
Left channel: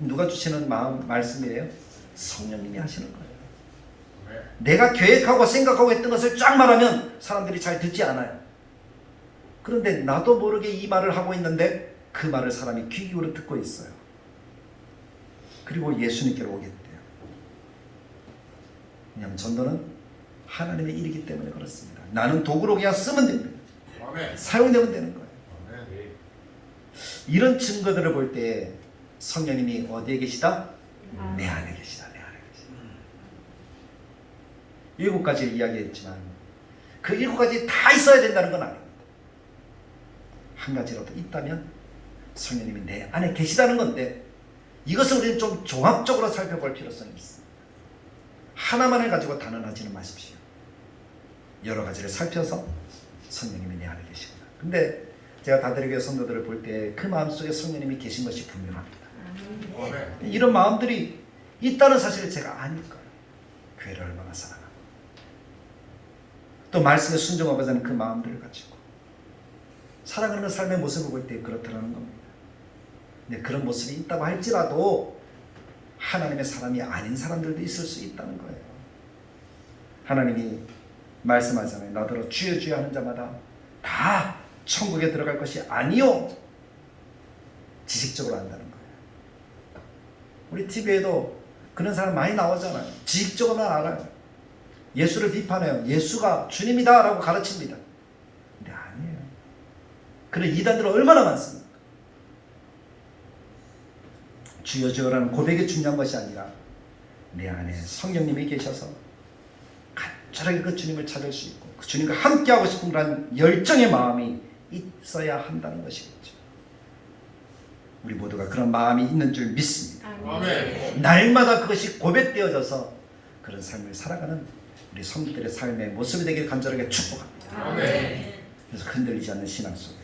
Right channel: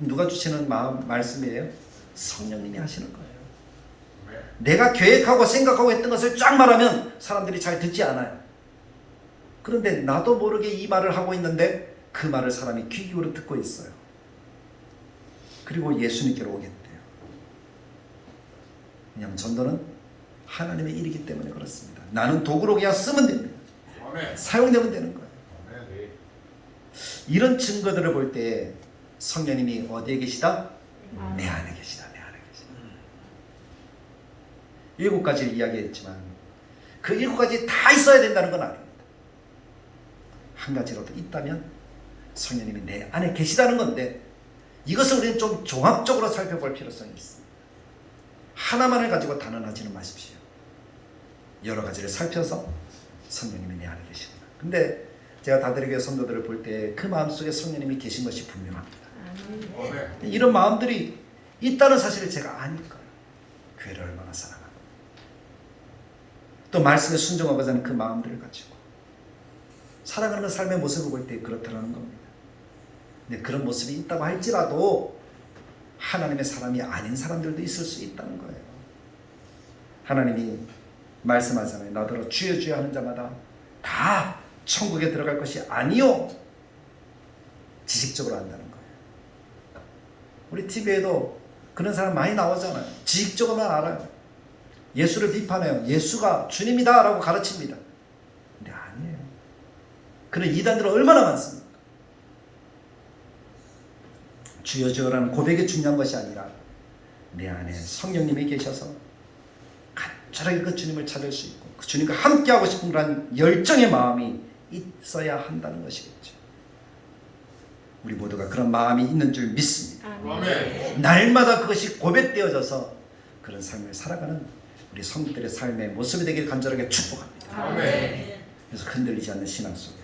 누가 주시는 말씀이에요? 성령님이 하시는 거예요. 내가 계획하고 생각하고 했던 것을 쫙 말하면 사람들이 잘 듣지 않아요. 그런데 나도 모르게 이 말을 하고 있는데 그 말을 사람이 귀 기울여 듣고 있어요. 그리고 예수님께로 오겠대요. 왜냐하면 전도는 하나님의 일이기 때문에 그렇습니다. 나는 도구로 그냥 쓰면 됩니다. 사용되면 되는 거예요. 이런 증거들을 볼 때 성령님이 어디에 계시다? 내 안에 계시다. 내 안에 계시다. 7가지를 이야기했지만 그 7가지 다 있어야 된다는 건 아닙니다. 한 가지라도 있다면 성령님이 내 안에 계시다는 건데, 이것을 우리는 좀 종합적으로 살펴볼 필요성이 있습니다. 하나만을 가지고 단언하지는 마십시오. 여러 가지를 살펴서 성령님이 내 안에 계십니다. 근데 제가 다들에게 성도들을 볼 때 그 마음속에 성령님이 계신 것이 분명합니다. 이런 마음들이 있다는 사실을 제가 아니까 교회를 얼마나 사랑하고 또 말씀에 순종하고자 하는 그 마음들을 가지고 살아가는 삶의 모습을 볼 때 그렇다는 겁니다. 근데 그런 모습이 있다고 할지라도 하나님의 사람이 아닌 사람들도 있을 수 있다는 거예요. 하나님이 말씀하잖아요. 나더러 주여 주여 하는 자마다 다 천국에 들어갈 것이 아니요. 지식적으로 한다는 거예요. 우리 TV에도 그런 사람 많이 나오잖아요. 지식적으로만 알아요. 예수를 비판해요. 예수가 주님이다 라고 가르칩니다. 근데 아니에요. 그런 이단들은 얼마나 많습니까? 주여 주여라는 고백이 중요한 것이 아니라 내 안에 성령님이 계셔서 간절하게 그 주님을 찾을 수 있고 그 주님과 함께하고 싶은 그런 열정의 마음이 있어야 한다는 것이겠죠. 우리 모두가 그런 마음이 있는 줄 믿습니다. 아멘. 날마다 그것이 고백되어져서 그런 삶을 살아가는 우리 성도들의 삶의 모습이 되길 간절하게 축복합니다. 아멘. 그래서 흔들리지 않는 신앙 속에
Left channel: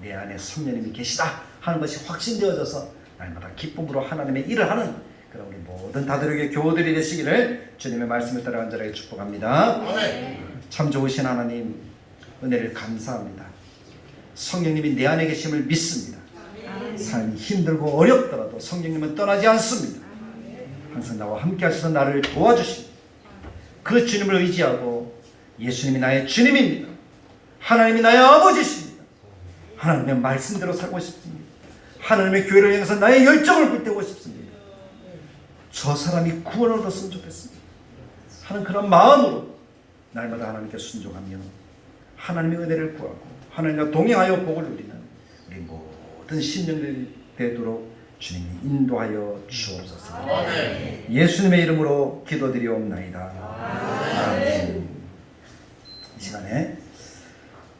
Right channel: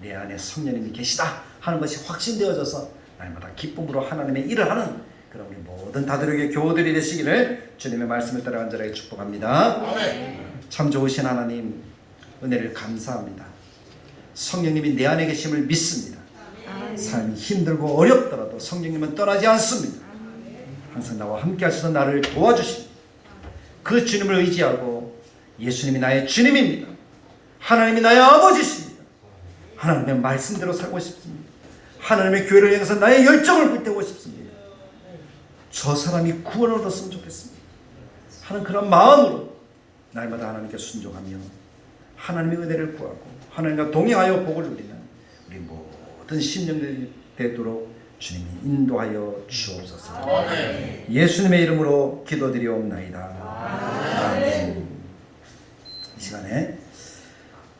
내 안에 성령님이 계시다 하는 것이 확신되어져서 날마다 기쁨으로 하나님의 일을 하는 그런 우리 모든 다들에게 교우들이 되시기를 주님의 말씀을 따라 간절하게 축복합니다. 아멘. 참 좋으신 하나님, 은혜를 감사합니다. 성령님이 내 안에 계심을 믿습니다. 삶이 힘들고 어렵더라도 성령님은 떠나지 않습니다. 항상 나와 함께 하셔서 나를 도와주십니다. 그 주님을 의지하고 예수님이 나의 주님입니다. 하나님이 나의 아버지십니다. 하나님의 말씀대로 살고 싶습니다. 하나님의 교회를 향해서 나의 열정을 불태우고 싶습니다. 저 사람이 구원을 얻었으면 좋겠습니다 하는 그런 마음으로 날마다 하나님께 순종하며 하나님의 은혜를 구하고 하나님과 동행하여 복을 누리는 우리 모든 심령들이 되도록 주님이 인도하여 주옵소서. 아멘. 예수님의 이름으로 기도드리옵나이다. 아멘. 이 시간에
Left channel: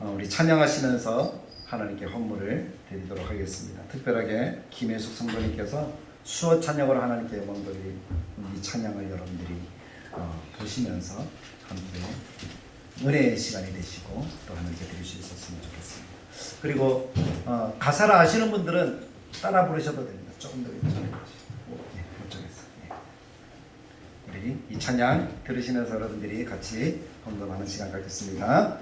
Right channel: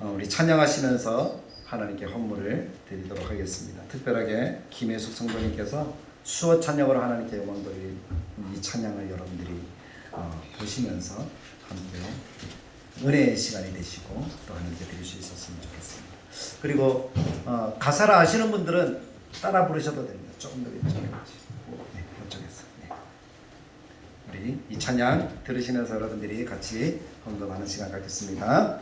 우리 찬양하시면서 하나님께 헌물을 드리도록 하겠습니다. 특별하게 김혜숙 성도님께서 수어 찬양으로 하나님께 영광 돌린 이 찬양을 여러분들이 보시면서 함께 은혜의 시간이 되시고 또 하나님께 드릴 수 있었으면 좋겠습니다. 그리고 가사를 아시는 분들은 따라 부르셔도 됩니다. 조금 더 이쪽에 네, 이쪽에서 우리 이 찬양 들으시면서 여러분들이 같이 헌금하는 시간 갖겠습니다.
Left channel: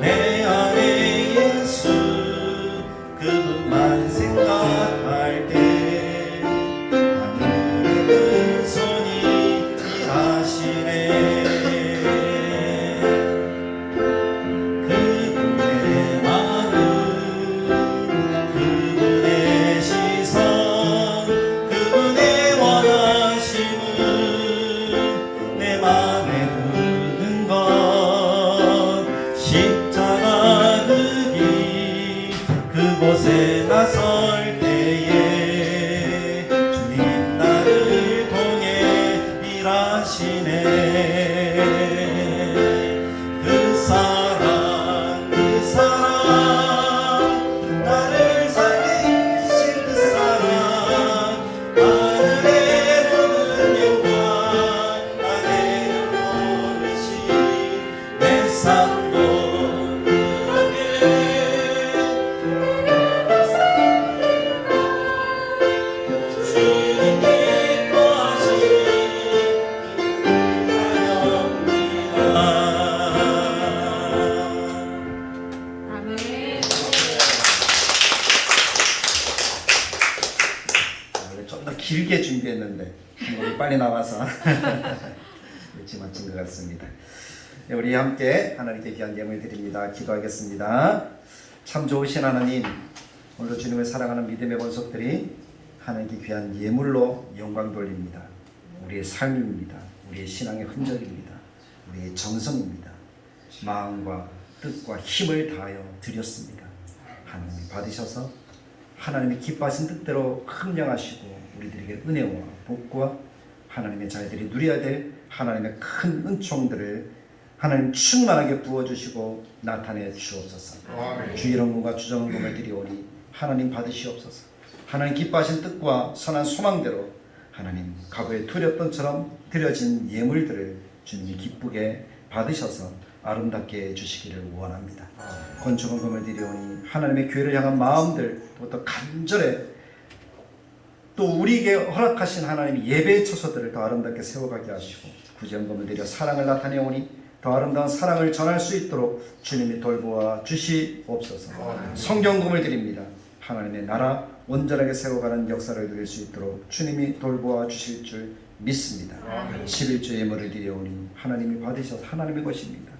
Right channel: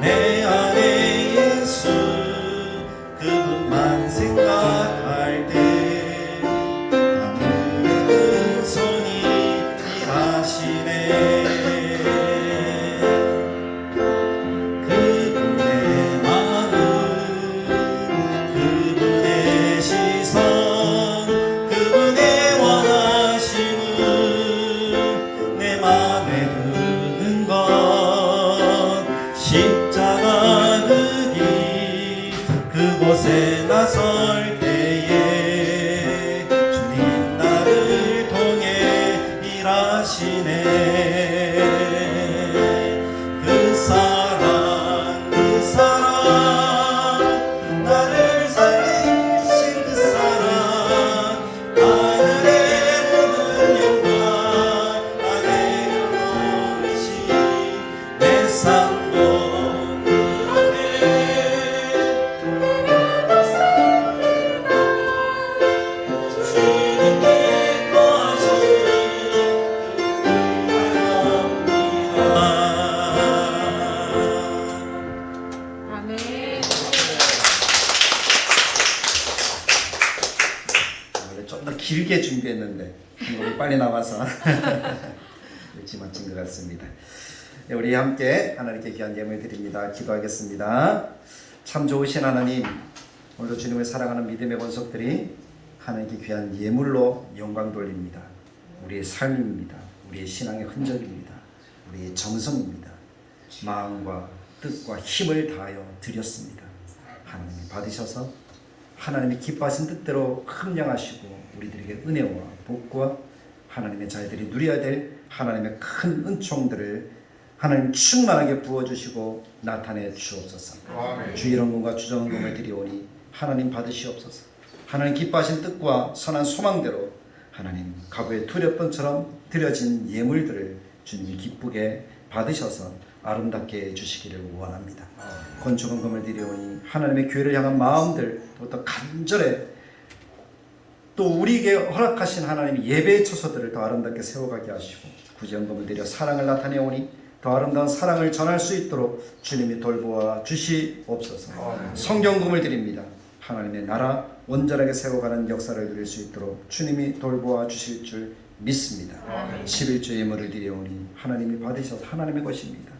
내 안에 예수 그분만 생각 길게 준비했는데 빨리 나와서 일찍 마친 것 같습니다. 우리 함께 하나님께 귀한 예물 드립니다. 기도하겠습니다. 참 좋으신 하나님, 오늘도 주님을 사랑하는 믿음의 권속들이 하나님께 귀한 예물로 영광 돌립니다. 우리의 삶입니다. 우리의 신앙의 흔적입니다. 우리의 정성입니다. 마음과 뜻과 힘을 다하여 드렸습니다. 하나님이 받으셔서 하나님이 기뻐하신 뜻대로 합령하시고 우리들에게 은혜와 복과 하나님의 자녀들이 누려야 될 하나님의 큰 은총들을 하나님 충만하게 부어주시고 나타내 주옵소서. 아멘. 주 이름과 주정금을 드리오니 하나님 받으시옵소서. 하나님 기뻐하신 뜻과 선한 소망대로 하나님 과거에 드렸던처럼 드려진 예물들을 주님이 기쁘게 받으셔서 아름답게 해주시기를 원합니다. 건축원금을 드리오니 하나님의 교회를 향한 마음들 또 간절해 또 우리에게 허락하신 하나님의 예배의 처소들을 더 아름답게 세워가게 하시고 구제원금을 드려 사랑을 나타내오니 더 아름다운 사랑을 전할 수 있도록 주님이 돌보아 주시옵소서. 성경금을 드립니다. 하나님의 나라 온전하게 세워가는 역사를 누릴 수 있도록 주님이 돌보아 주실 줄 믿습니다. 11조 예물을 드려오니 하나님이 받으셔서 하나님의 것입니다.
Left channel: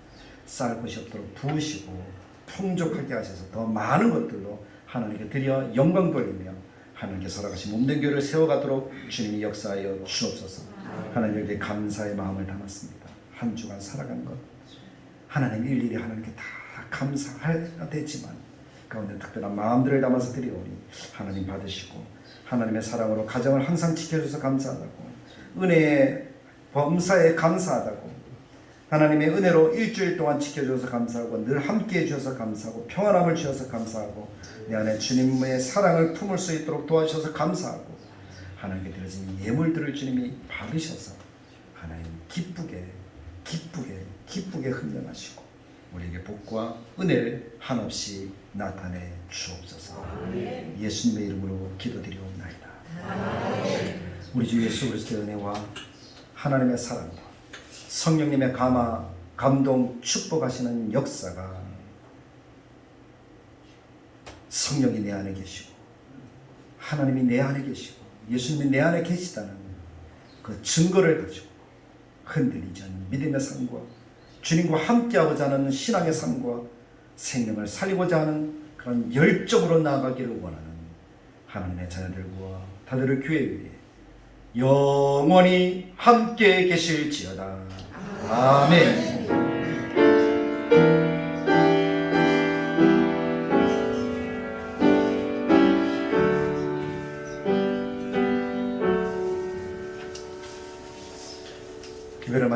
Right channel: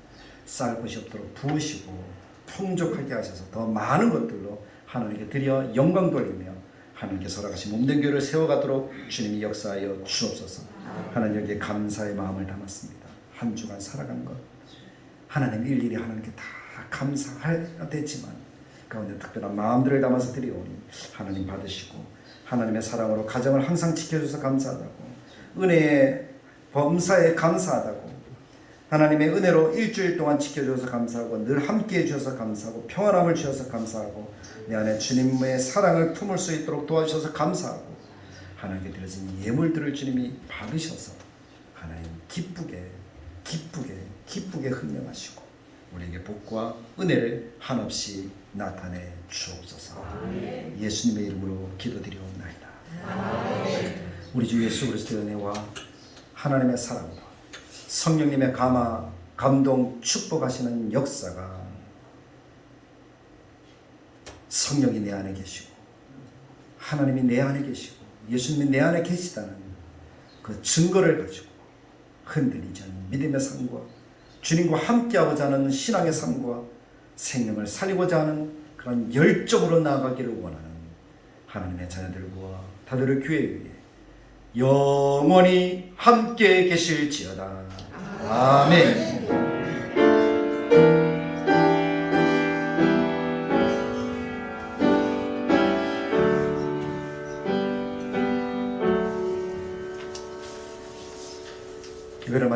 쌓을 것이 없도록 부으시고 풍족하게 하셔서 더 많은 것들로 하나님께 드려 영광 돌리며 하나님께서 허락하신 몸된 교회를 세워가도록 주님이 역사하여 주옵소서. 하나님께 감사의 마음을 담았습니다. 한 주간 살아간 것 하나님 일일이 하나님께 다 감사해야 되지만 가운데 특별한 마음들을 담아서 드리오니 하나님 받으시고 하나님의 사랑으로 가정을 항상 지켜주셔서 감사하다고 은혜의 범사에 감사하다고 하나님의 은혜로 일주일 동안 지켜주셔서 감사하고 늘 함께해 주셔서 감사하고 평안함을 주셔서 감사하고 내 안에 주님의 사랑을 품을 수 있도록 도와주셔서 감사하고 하나님께 드려진 예물들을 주님이 받으셔서 하나님 기쁘게 흥령하시고 우리에게 복과 은혜를 한없이 나타내 주옵소서. 예수님의 이름으로 기도드리옵나이다. 우리 주 예수 그리스도의 은혜와 하나님의 사랑과 성령님의 감동 축복하시는 역사가 성령이 내 안에 계시고 하나님이 내 안에 계시고 예수님이 내 안에 계시다는 그 증거를 가지고 흔들리지 않는 믿음의 삶과 주님과 함께하고자 하는 신앙의 삶과 생명을 살리고자 하는 그런 열정으로 나아가기를 원하는 하나님의 자녀들과 다들 교회 위에 영원히 함께 계실지어다. 아멘. 이거를